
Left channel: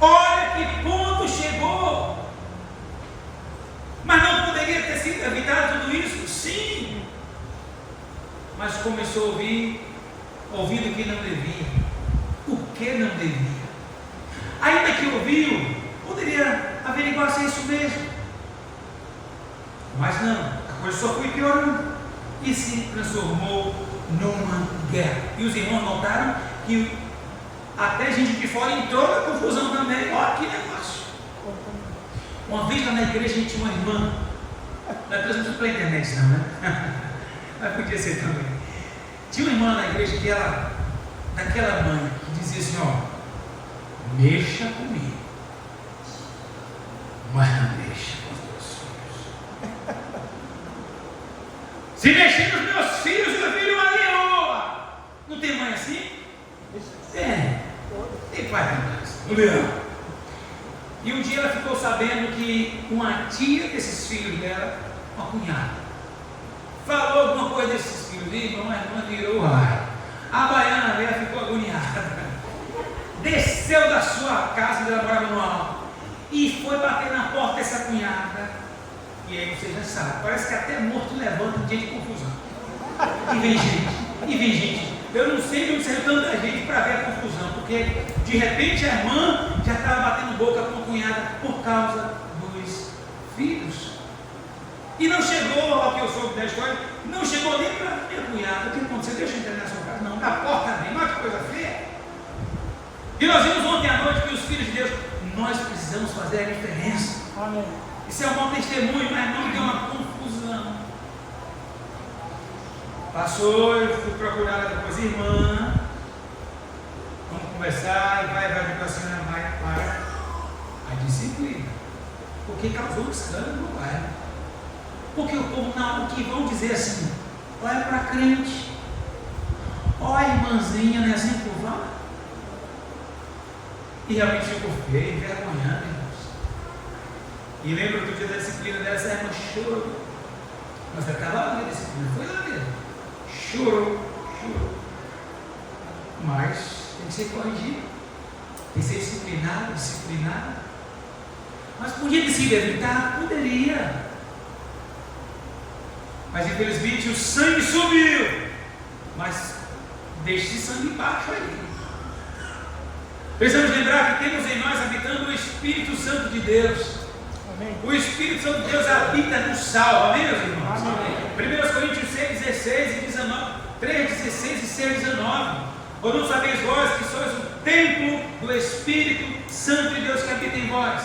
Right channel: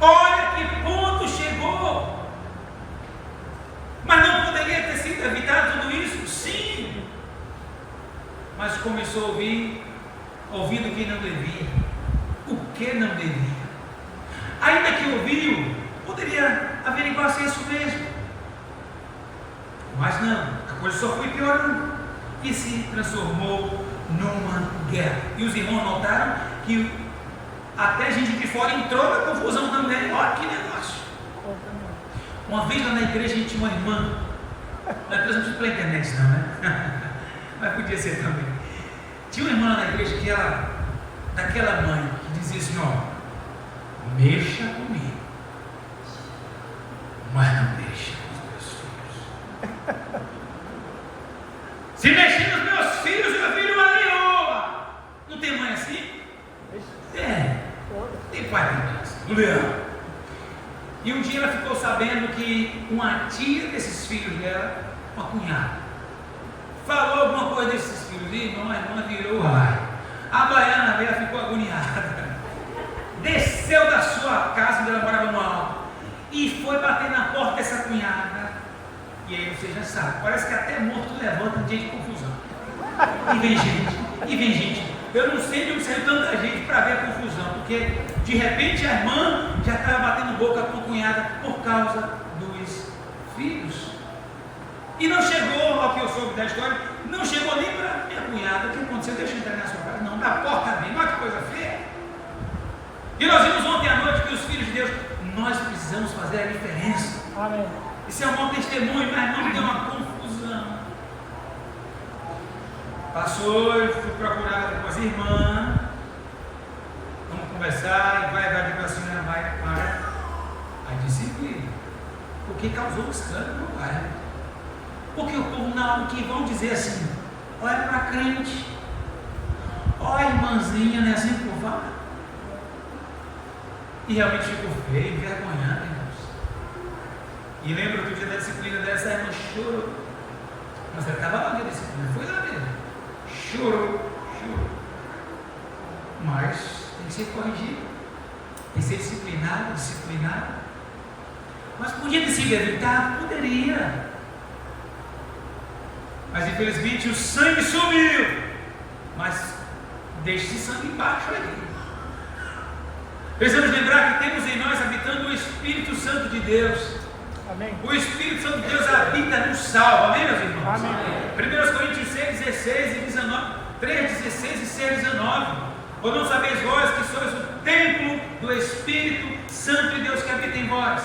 Olha que ponto chegou. Mas não poderia ter sido evitado tudo isso? Sim. Mas começou a ouvindo o que não devia. O que não devia. Ainda que ouviu, poderia averiguar se é isso mesmo. Mas não, a coisa só foi piorando e se transformou numa guerra. E os irmãos notaram que até gente de fora entrou na confusão também. Olha que negócio. Uma vez lá na igreja a gente tinha uma irmã, na igreja não tinha pela internet não, né? Mas podia ser também. Tinha uma irmã na igreja que ela, daquela mãe, que dizia assim, ó, mexa comigo, mas não mexa com os meus filhos. Se mexer nos meus filhos, meu filho ali, ó. Não tem mãe assim? Tem pai em casa, o leão. E um dia ela ficou sabendo que uma tia desses filhos dela, uma cunhada, falou alguma coisa desses filhos, e a irmã virou o raio. A baiana dela ficou agoniada, desceu da sua casa, onde ela morava no alto, e foi bater na porta dessa cunhada. E aí você já sabe, parece que até morto levanta um dia de confusão. E vem gente. Eu não sei de onde saiu tanta gente para ver a confusão, porque de repente a irmã já estava batendo boca com a cunhada por causa dos filhos. E não chegou, ao que eu soube da história, não chegou nem para minha cunhada. O que aconteceu? Deixa eu entrar na sua casa. Não, da porta mesmo, olha que coisa feia. E nós vimos ontem à noite que os filhos de Deus, nós precisamos fazer a diferença. Isso é um bom testemunho, mas não deu uma confusão. Passou, eu fui procurar depois a irmã. Vamos conversar e vai para cima, vai para a disciplina. Porque causou um escândalo no bairro. Porque o povo na hora que vão dizer assim, olha para a crente, olha a irmãzinha, né, assim por lá. E realmente ficou feio, envergonhado, irmãos. E lembro que o dia da disciplina dessa irmã chorou. Mas ela estava lá na disciplina, foi lá mesmo. Chorou. Mas tem que ser corrigido, tem que ser disciplinado. Mas podia ter sido evitar? Poderia. Mas infelizmente o sangue sumiu. Mas deixe esse sangue embaixo aí. Precisamos lembrar que temos em nós habitando o Espírito Santo de Deus. Amém. O Espírito Santo de Deus habita no salvo. Amém, meus irmãos? Amém. 1 Coríntios 6, 16 e 19, 3, 16 e 6, 19. Ou não sabeis vós que sois o templo do Espírito Santo de Deus que habita em vós.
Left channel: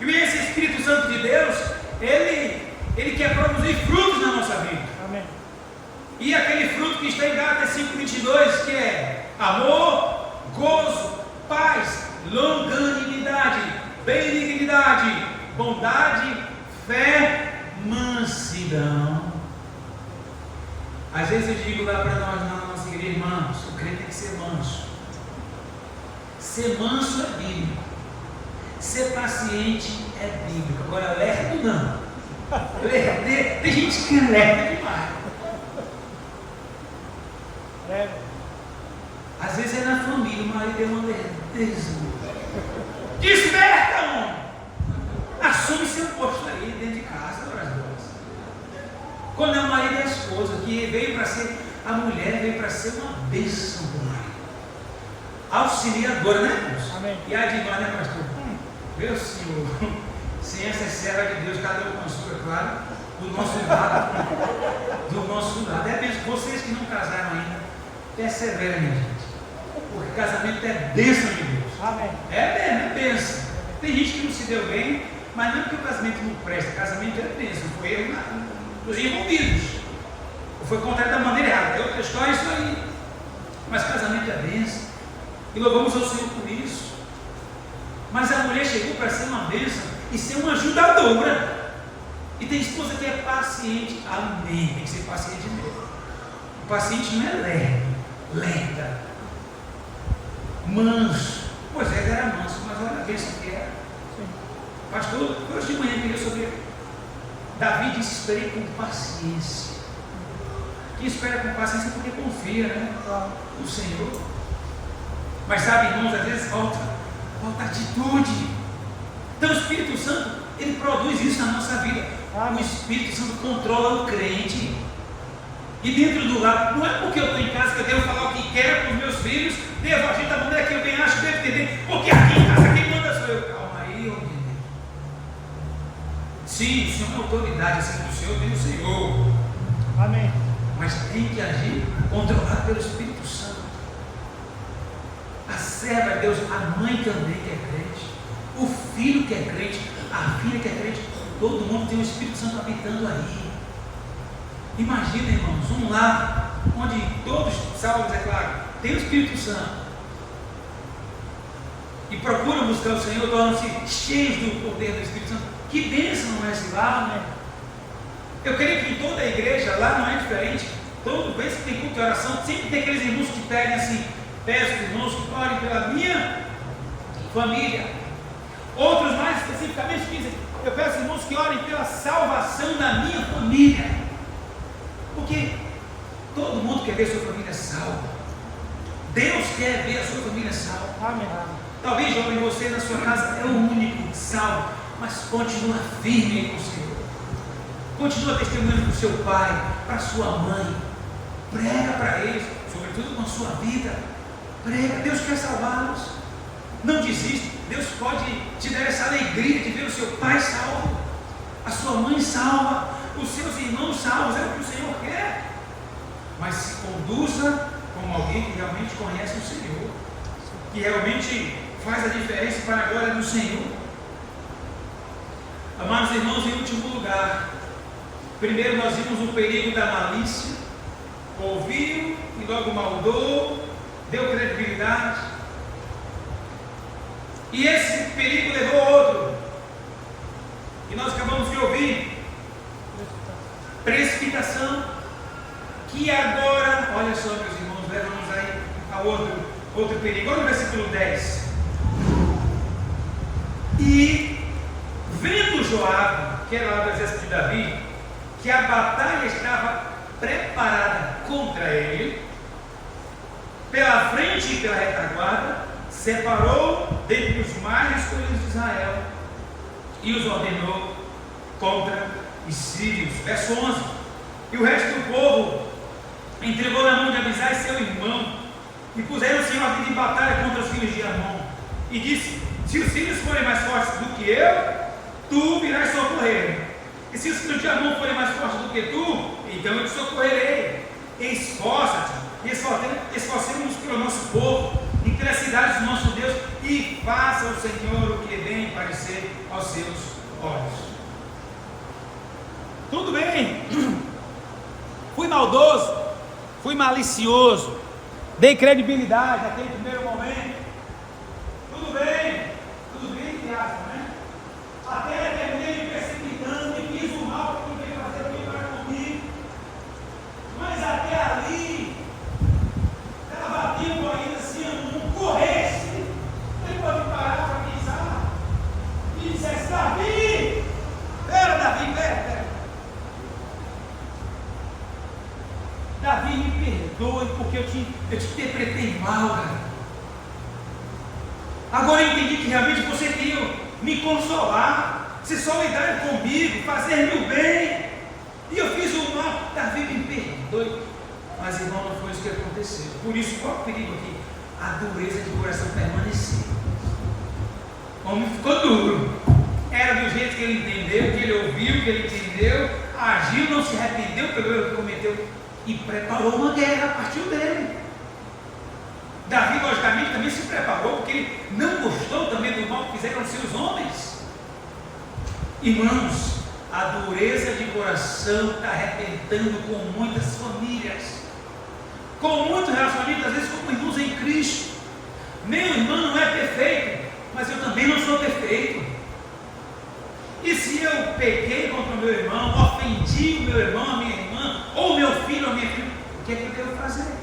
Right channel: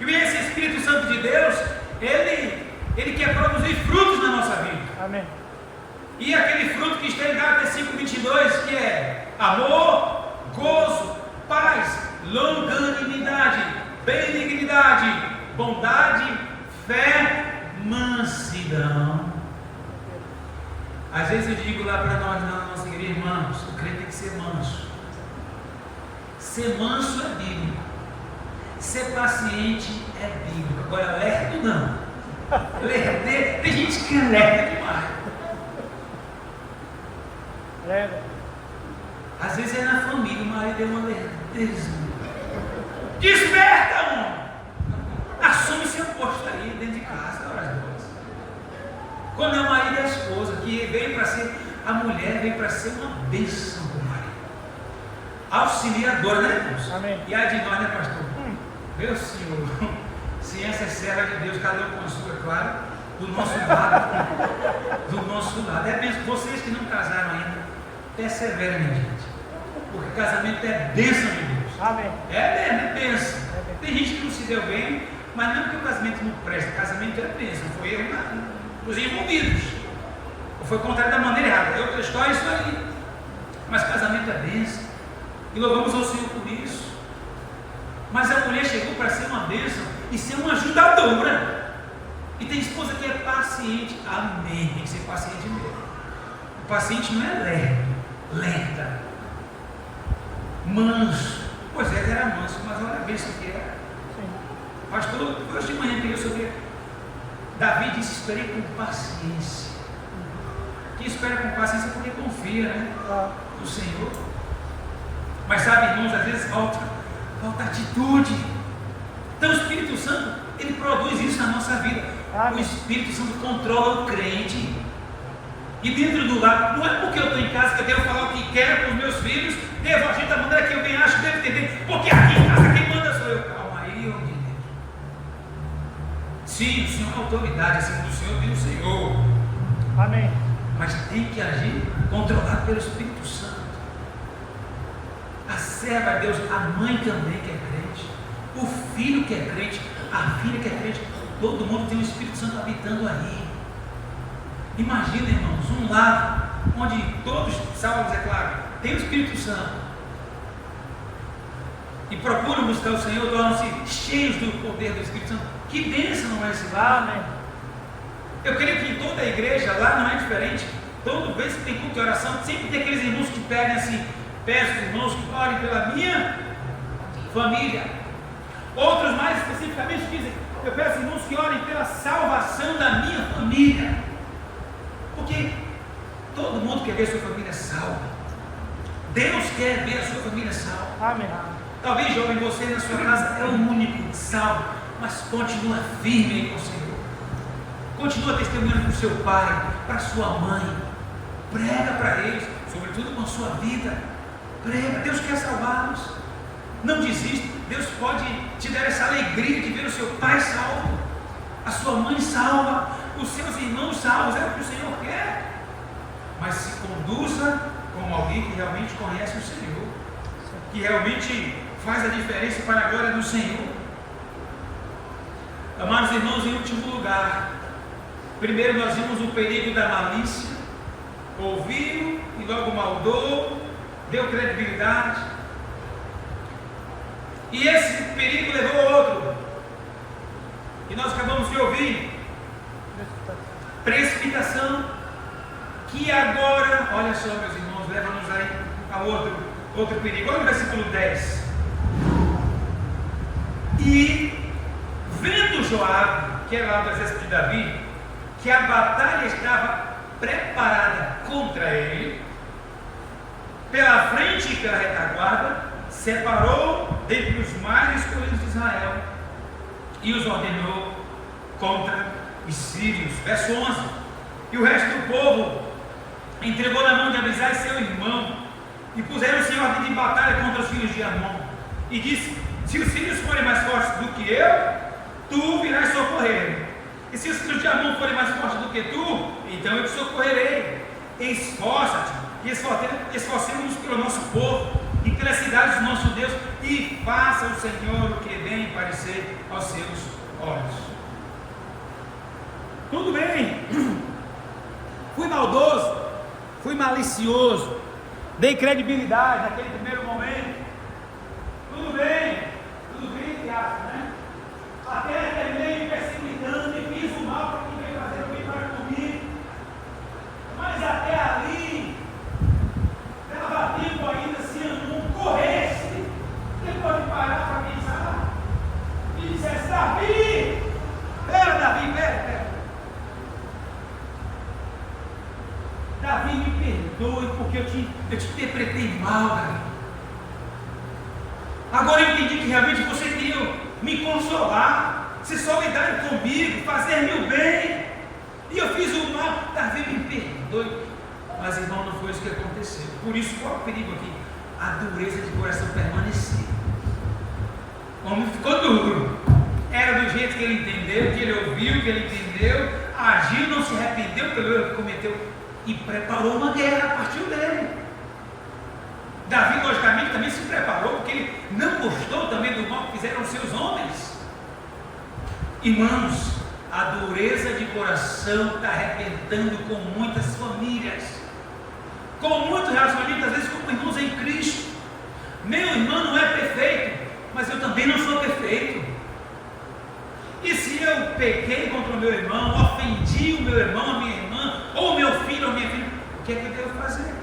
E esse Espírito Santo de Deus, ele quer produzir frutos na nossa vida. Amém. E aquele fruto que está em Gálatas 5:22, que é amor, gozo, paz, longanimidade, benignidade, bondade, fé, mansidão. Às vezes eu digo lá para nós na nossa igreja, irmãos, o crente tem que ser manso. Ser manso é bíblico. Ser paciente é bíblico. Agora, lerdo não. Tem gente que é lerda demais. Às vezes é na família, o marido é uma lerdeza. Desperta, homem! Assume seu posto aí dentro de casa, as duas. Quando é o marido e a esposa, que veio para ser, a mulher veio para ser uma bênção do marido. Auxiliadora, né, irmãos? Amém. E a de nós, né, pastor? Meu Senhor, ciência é serva de Deus, cada um com a sua, claro, do nosso lado. Do nosso lado. É bênção. Vocês que não casaram ainda, perseverem, minha gente. Porque casamento é bênção de Deus. Amém. É bênção. Tem gente que não se deu bem, mas não que o casamento não presta. Casamento é bênção. Foi erro dos envolvidos. Ou foi contado da maneira errada. Eu estou isso aí. Mas casamento é bênção. E louvamos ao Senhor por isso. Mas a mulher chegou para ser uma bênção e ser uma ajudadora. E tem esposa que é paciente. Amém. Tem que ser paciente mesmo. O paciente não é lerda, manso. Pois é, ele era manso, mas olha a bênção que era. Pastor, hoje de manhã eu queria sobre Davi disse: esperei com paciência. Quem espera com paciência é porque confia, né, no Senhor. Mas sabe, irmãos, às vezes falta atitude. Então o Espírito Santo, ele produz isso na nossa vida. O Espírito Santo controla o crente. E dentro do lar, não é porque eu estou em casa que eu devo falar o que quero para os meus filhos, devo agir da maneira que eu bem acho que devo entender, porque aqui em casa quem manda sou eu. Calma aí, meu Deus. Sim, o Senhor é autoridade, assim do Senhor, vem do Senhor. Amém. Mas tem que agir controlado pelo Espírito Santo. A serva de Deus, a mãe também que é crente, o filho que é crente, a filha que é crente, todo mundo tem o Espírito Santo habitando aí. Imagina, irmãos, um lar onde todos, salvos, é claro, tem o Espírito Santo e procuram buscar o Senhor, tornam-se cheios do poder do Espírito Santo. Que bênção não é esse lar, né? Eu creio que em toda a igreja, lá não é diferente. Toda vez que tem culto de oração, sempre tem aqueles irmãos que pedem assim: peço aos irmãos que orem pela minha família. Outros mais especificamente dizem: eu peço irmãos que orem pela salvação da minha família. Porque todo mundo quer ver sua família salva. Deus quer ver a sua família salva. Amém. Talvez, jovem, você na sua casa é o único salvo, mas continua firme com o Senhor. Continua testemunhando para o seu pai, para a sua mãe. Prega para eles, sobretudo com a sua vida. Prega, Deus quer salvá-los. Não desista. Deus pode te dar essa alegria de ver o seu pai salvo, a sua mãe salva, os seus irmãos salvos. É o que o Senhor quer. Mas se conduza como alguém que realmente conhece o Senhor, que realmente faz a diferença para a glória do Senhor. Amados irmãos, em último lugar, primeiro nós vimos o perigo da malícia. Ouviu e logo maldou, deu credibilidade. E esse perigo levou outro, e nós acabamos de ouvir: precipitação, que agora, olha só, meus irmãos, leva-nos aí a outro perigo. Olha o versículo 10. E vendo Joabe, que era lá do exército de Davi, que a batalha estava preparada contra ele, pela frente e pela retaguarda, separou dentre os mais escolhidos de Israel e os ordenou contra os sírios. Verso 11. E o resto do povo entregou na mão de Abisai seu irmão, e puseram-se em ordem de batalha contra os filhos de Amon, e disse: se os filhos forem mais fortes do que eu, tu virás socorrer. E se os filhos de Amon forem mais fortes do que tu, então eu te socorrerei. Esforça-te e esforcemos-nos pelo nosso povo e pelas cidades do nosso Deus, e faça o Senhor o que bem parecer aos seus olhos. Tudo bem, fui maldoso, fui malicioso, dei credibilidade naquele primeiro momento. Tudo bem, que acha, né? Até terminei me precipitando e fiz o mal para quem veio fazer o bem para comigo. Mas até ali, dava tempo ainda, se não corresse, ele pode parar para pensar e dissesse: Davi, pera. Davi, me perdoe porque eu te interpretei mal, Davi. Agora eu entendi que realmente você queria me consolar, se solidar comigo, fazer-me o bem, e eu fiz o mal. Davi, me perdoe. Mas, irmão, não foi isso que aconteceu. Por isso, qual é o perigo aqui? A dureza de coração permaneceu. O homem ficou duro. Era do jeito que ele entendeu, que ele ouviu, que ele entendeu, agiu, não se arrependeu pelo erro que cometeu e preparou uma guerra a partir dele. Davi, logicamente, também se preparou, porque ele não gostou também do mal que fizeram os seus homens. Irmãos, a dureza de coração está arrebentando com muitas famílias, com muitos relacionamentos, às vezes com irmãos em Cristo. Meu irmão não é perfeito, mas eu também não sou perfeito. E se eu pequei contra o meu irmão, ofendi o meu irmão, a minha irmã, ou meu filho ou minha filha, o que é que eu quero fazer?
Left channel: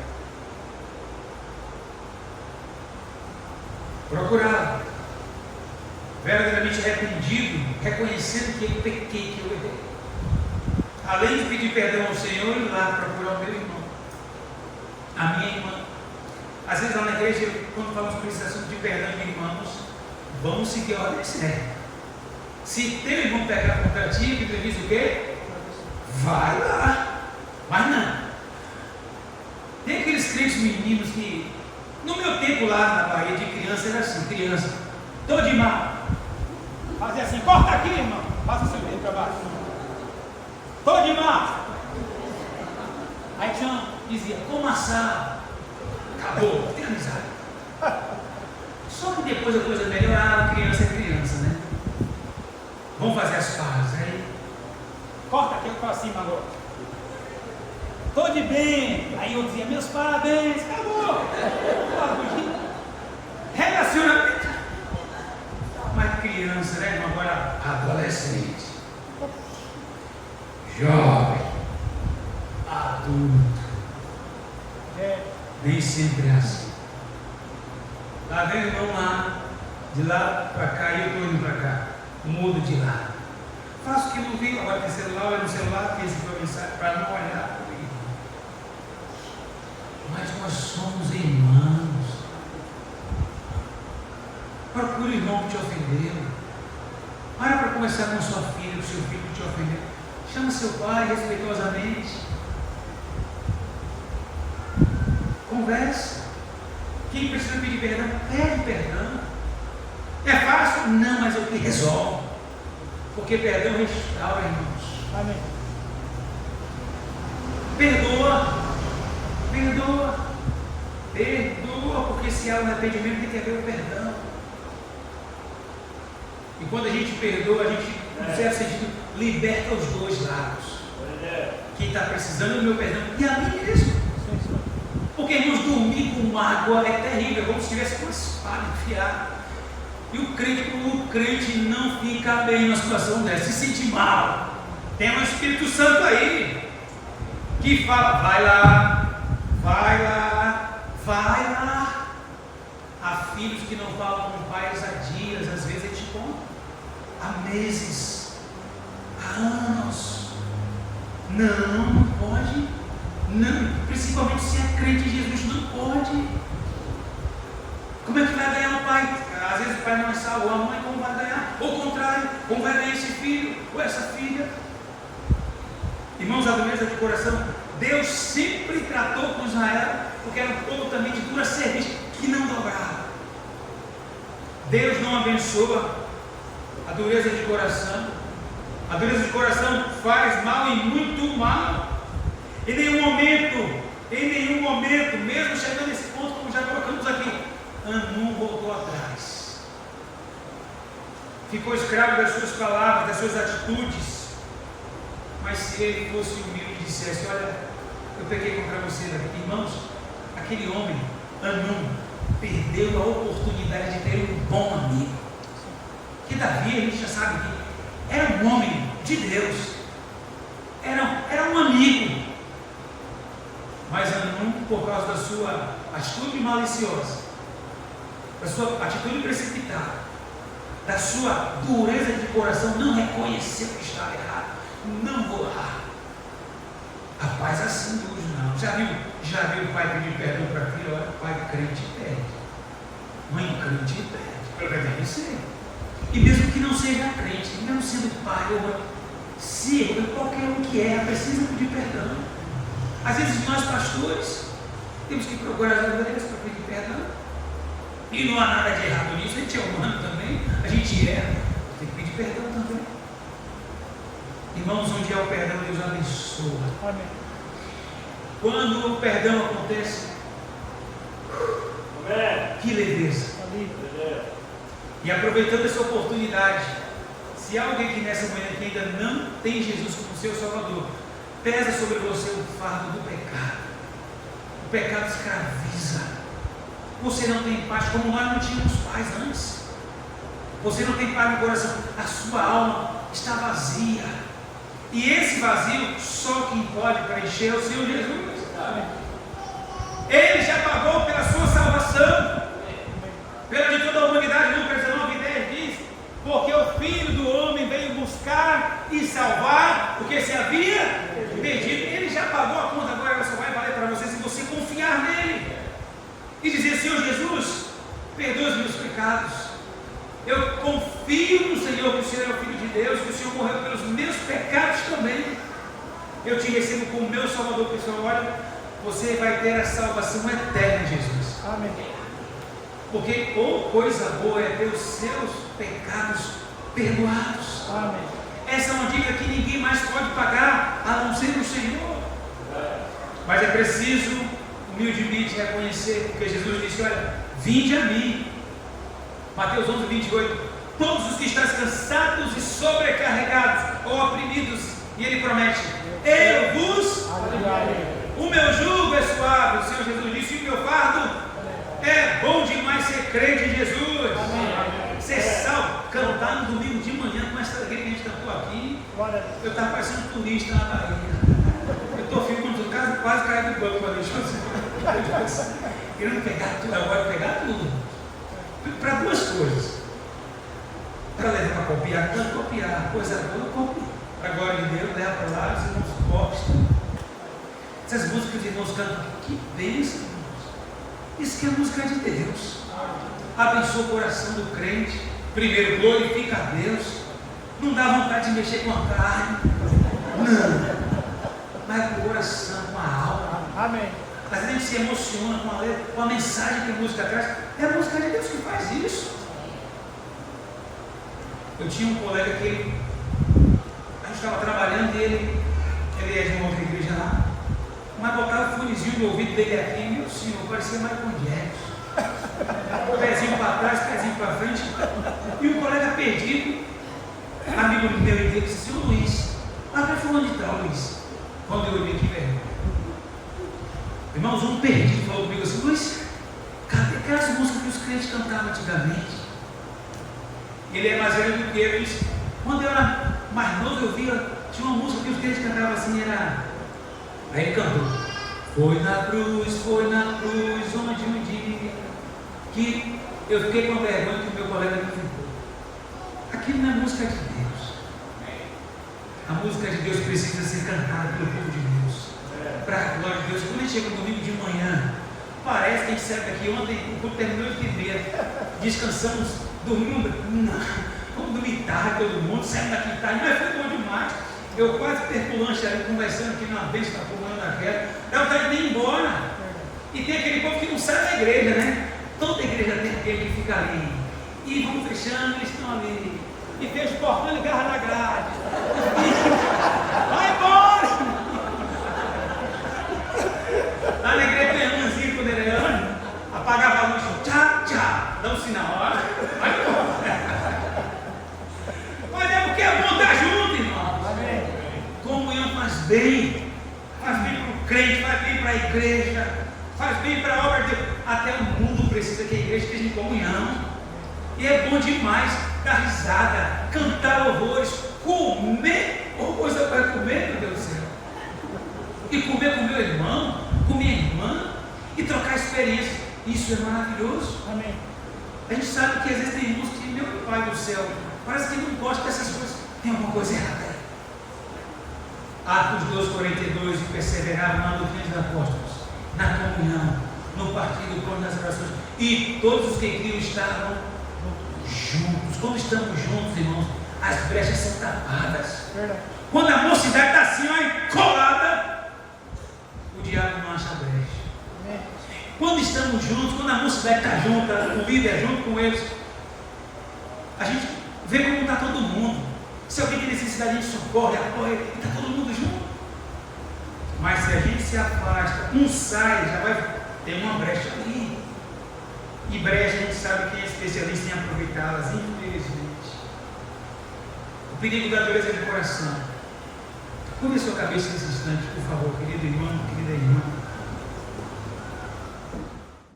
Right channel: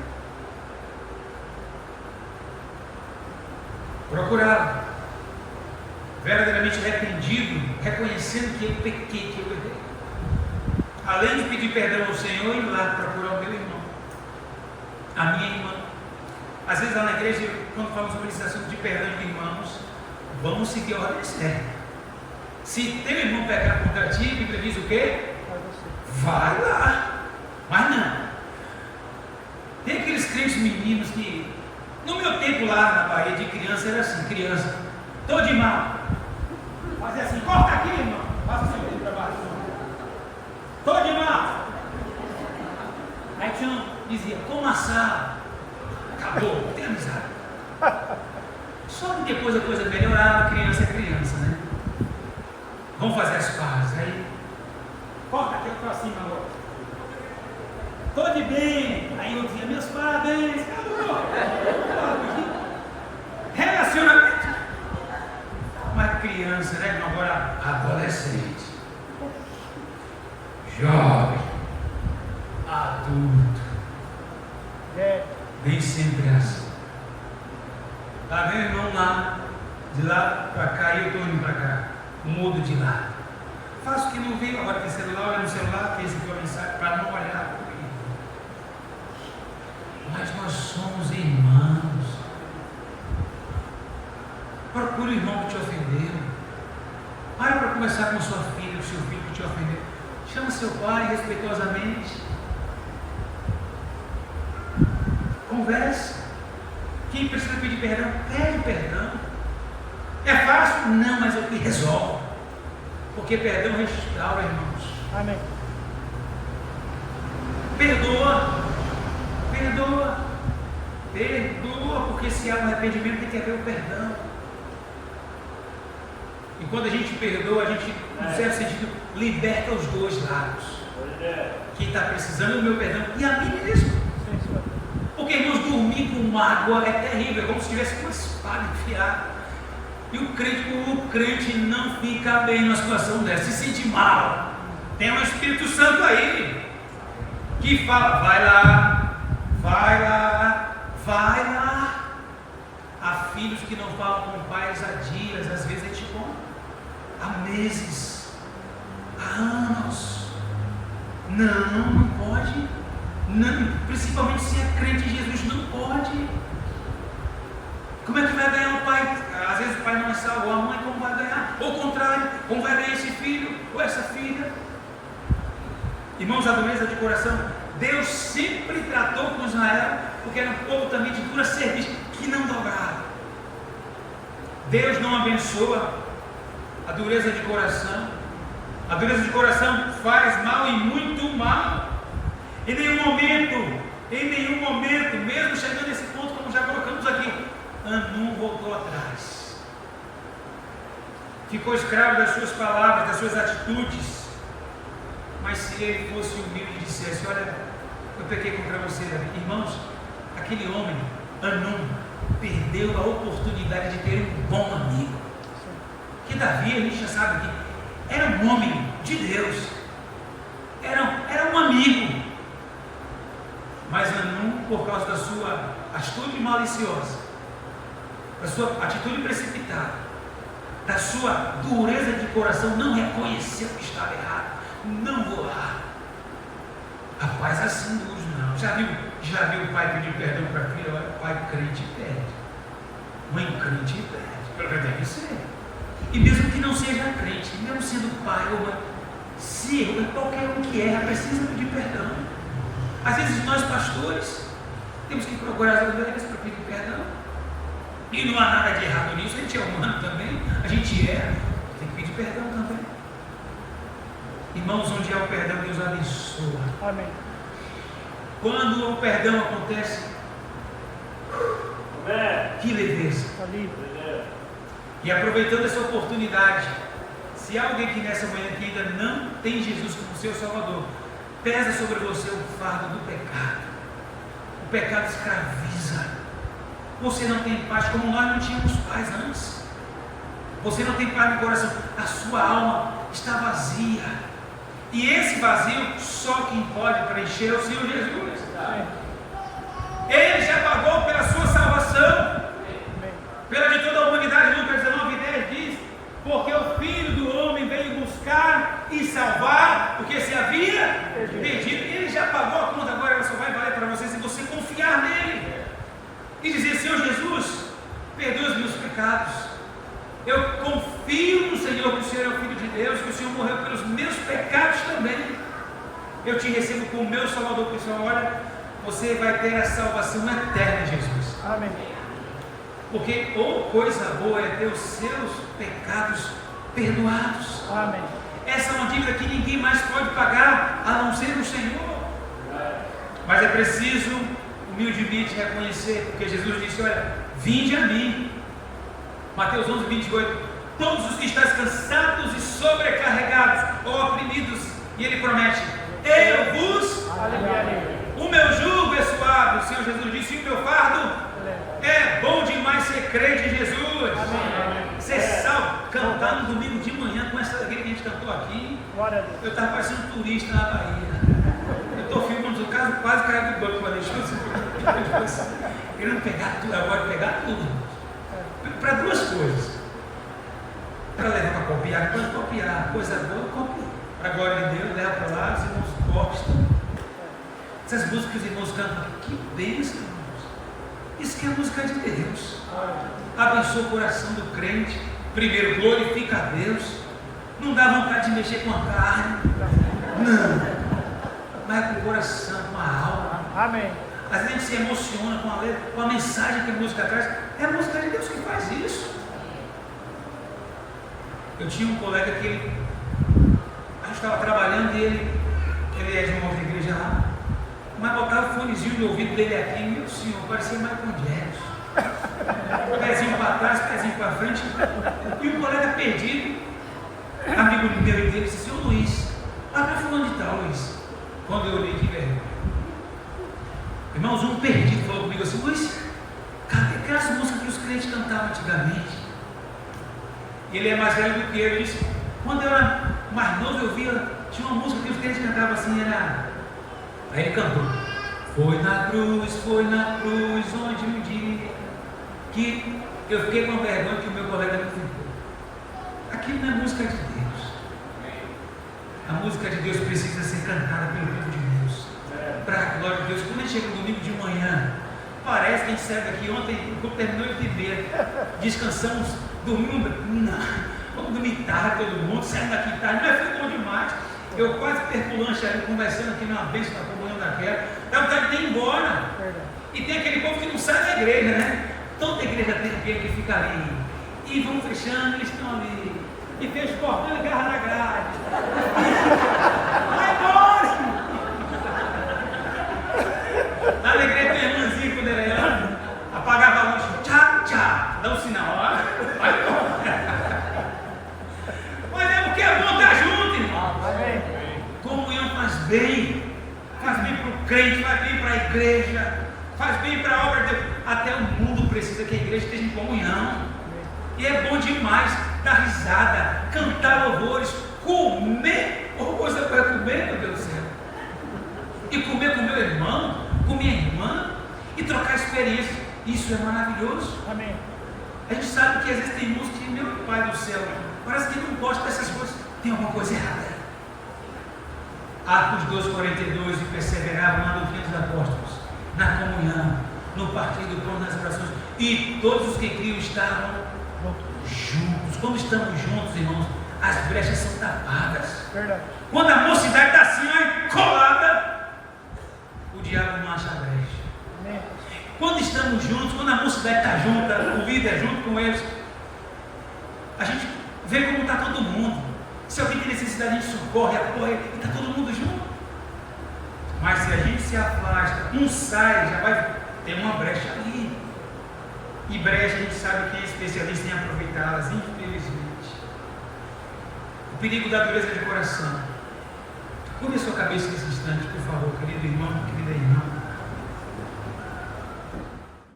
Procurar, verdadeiramente arrependido, reconhecendo que eu pequei, que eu errei. além de pedir perdão ao Senhor, ir lá procurar o meu irmão, a minha irmã. Às vezes lá na igreja, quando falamos sobre esse assunto de perdão de irmãos, vamos seguir a ordem certa. Se teu irmão pecar contra ti, a Bíblia diz o quê? Vai lá. Mas não. Tem aqueles crentes meninos que, no meu tempo lá na Bahia de criança, era assim, criança, tô de mal. Fazia assim, corta aqui, irmão. Passa assim para baixo. Tô de mal. Aí tinha, dizia, como assar? Acabou, tem amizade. Só que depois a coisa melhorava, criança é criança, né? Vamos fazer as pazes. Aí, corta aqui para cima agora. Tô de bem. Aí eu dizia, meus parabéns, acabou. Relacionamento. Mas criança, né? Agora adolescente, jovem, adulto. Nem sempre é assim. Tá vendo, irmão, lá, de lá para cá, e eu estou indo para cá, mudo de lado. Faço o que não vi, agora tem celular, olha no celular, fez aqui uma mensagem para não olhar. Mas nós somos irmãos. Procure o irmão que te ofendeu. Para conversar com sua filha, com seu filho que te ofendeu. Chama seu pai respeitosamente. Converse. Quem precisa pedir perdão, pede perdão. É fácil? Não, mas é o que resolve. Porque perdão restaura, irmãos. Amém. Perdoa. Perdoa. Perdoa, porque se há um arrependimento tem que haver o perdão. E quando a gente perdoa, a gente, no certo sentido, liberta os dois lados. Quem está precisando do meu perdão e a mim mesmo. Porque, irmãos, dormir com mágoa é terrível, é como se tivesse uma espada enfiada. E o crente não fica bem numa situação dessa, se sente mal. Tem um Espírito Santo aí que fala, vai lá, vai lá, vai lá. Há filhos que não falam com pais há dias, às vezes é tipo há meses, há anos. Não pode. Não, principalmente se é crente em Jesus, não pode. Como é que vai ganhar o pai? Às vezes o pai não é salvo, a mãe como vai ganhar? Ou o contrário, como vai ganhar esse filho ou essa filha? Irmãos, a dureza de coração, Deus sempre tratou com Israel, porque era um povo também de pura serviço, que não dobrava. Deus não abençoa a dureza de coração. A dureza de coração faz mal e muito mal. Em nenhum momento, mesmo chegando nesse ponto, como já colocamos aqui, Hanum voltou atrás. Ficou escravo das suas palavras, das suas atitudes. Mas se ele fosse humilde e dissesse, olha, eu pequei contra você, irmãos, aquele homem, Hanum, perdeu a oportunidade de ter um bom amigo. Que Davi, a gente já sabe que era um homem de Deus, era um amigo. Mas Hanum, por causa da sua atitude maliciosa, da sua atitude precipitada, da sua dureza de coração, não reconheceu que estava errado. Não vou lá. Rapaz, assim Deus não. Já viu o pai pedir perdão para a filha? Olha, pai crente pede. Mãe crente pede. Deve ser. E mesmo que não seja crente, mesmo sendo pai ou mãe, se qualquer um que é, precisa pedir perdão. Às vezes nós pastores temos que procurar as ovelhas para pedir perdão. E não há nada de errado nisso, a gente é humano também, a gente erra, tem que pedir perdão também. Irmãos, onde há o perdão, Deus abençoa. Amém. Quando o perdão acontece, que leveza. E aproveitando essa oportunidade, se há alguém que nessa manhã que ainda não tem Jesus como seu Salvador, pesa sobre você o fardo do pecado. O pecado escraviza. Você não tem paz, como nós não tínhamos paz antes. Você não tem paz no coração. A sua alma está vazia. E esse vazio, só quem pode preencher é o Senhor Jesus. Ele já pagou pela sua salvação, pela de toda a humanidade. Lucas 19:10 diz: porque o Filho do Homem veio buscar e salvar porque se havia perdido. Ele já pagou a conta, agora ela só vai valer para você se você confiar nele e dizer: Senhor Jesus, perdoa os meus pecados. Eu confio no Senhor, que o Senhor é o Filho de Deus, que o Senhor morreu pelos meus pecados também. Eu te recebo como meu Salvador pessoal. Olha, você vai ter a salvação eterna, Jesus. Amém. Porque coisa boa é ter os seus pecados perdoados. Amém. Essa é uma dívida que ninguém mais pode pagar, a não ser o Senhor. Mas é preciso humildemente reconhecer, porque Jesus disse: olha, vinde a mim. Mateus 11, 28. Todos os que estão cansados e sobrecarregados ou oprimidos, e ele promete: eu vos. O meu jugo é suave, o Senhor Jesus disse, e o meu fardo é bom demais ser crente em Jesus. Ser salvo. Cantar no domingo de manhã com essa alegria que a gente cantou aqui. Eu estava parecendo turista na Bahia. Eu estou filmando quase caindo do banco para deixar querendo pegar tudo, agora pegar tudo. Para duas coisas. Para levar para copiar, coisa boa, copiar. Para a glória de Deus, leva para lá, os irmãos gostam. Essas músicas que os irmãos cantam, que bênção, irmãos. Isso que é a música de Deus. Abençoa o coração do crente. Primeiro, glorifica a Deus. Não dá vontade de mexer com a carne. Não. Mas com o coração, com a alma. Amém. Às vezes a gente se emociona com a letra, com a mensagem que a música traz. É a música de Deus que faz isso. Eu tinha um colega que ele, a gente estava trabalhando e ele é de uma outra igreja lá, mas botava o fonezinho no ouvido dele aqui, meu senhor, parecia Michael Jackson. Pezinho para trás, pezinho para frente. E um colega perdido, amigo meu e dele, disse: senhor Luiz, lá para fulano de tal, Luiz. Quando eu olhei, que vergonha. Irmãos, um perdido falou comigo assim: Luiz, cadê aquelas músicas que os crentes cantavam antigamente? Ele é mais velho do que eu. Ele disse: quando eu era mais novo, eu via, tinha uma música que os crentes cantavam assim, era. Aí ele cantou: foi na cruz, onde um dia que eu fiquei com vergonha que o meu colega não ficou. Aquilo não é música de Deus. A música de Deus precisa ser cantada pelo povo de Deus, para a glória de Deus. Quando a gente chega no domingo de manhã, parece que a gente saiu daqui ontem, o culto terminou 8h30, descansamos, dormimos, não, vamos dormir tarde todo mundo, saímos daqui tarde, mas foi bom demais. Eu quase perco o lanche ali, conversando aqui numa vez, está pulando naquela, dá vontade de ir embora. E tem aquele povo que não sai da igreja, né? Toda igreja tem aquele que fica ali, e vão fechando, eles estão ali, e fecha o portão e garra na grade. Vai embora! Lá na igreja tem a mãozinha quando ele era, apagava a luz, tchau, tchau, dá um sinal, ó. Mas é porque é bom estar junto, irmão. Comunhão faz bem para o crente, faz bem para a igreja, faz bem para a obra de Deus. Até o mundo precisa que a igreja esteja em comunhão. E é bom demais dar risada, cantar louvores, comer, ou coisa para comer, meu Deus do céu. E comer com meu irmão, com minha irmã, e trocar experiências. Isso é maravilhoso. Amém. A gente sabe que às vezes tem uns que, meu Pai do céu, parece que não gosta dessas coisas. Tem alguma coisa errada. Atos 2:42, e perseveravam na doutrina dos apóstolos, na comunhão, no partido, do pão, nas orações, e todos os que criam estavam juntos. Quando estamos juntos, irmãos, as brechas são tapadas. Verdade. Quando a mocidade está assim, ó, colada, o diabo não acha brecha. Amém. Quando estamos juntos, quando a mocidade está junta, o líder junto com eles, a gente vê como está todo mundo. Se alguém tem necessidade, a gente socorre, apoia, e está todo mundo junto. Mas se a gente se afasta, um sai, já vai ter uma brecha ali. E brecha a gente sabe que é especialista em aproveitá-las, infelizmente. O perigo da dureza de coração. Curve a sua cabeça nesse instante, por favor, querido irmão.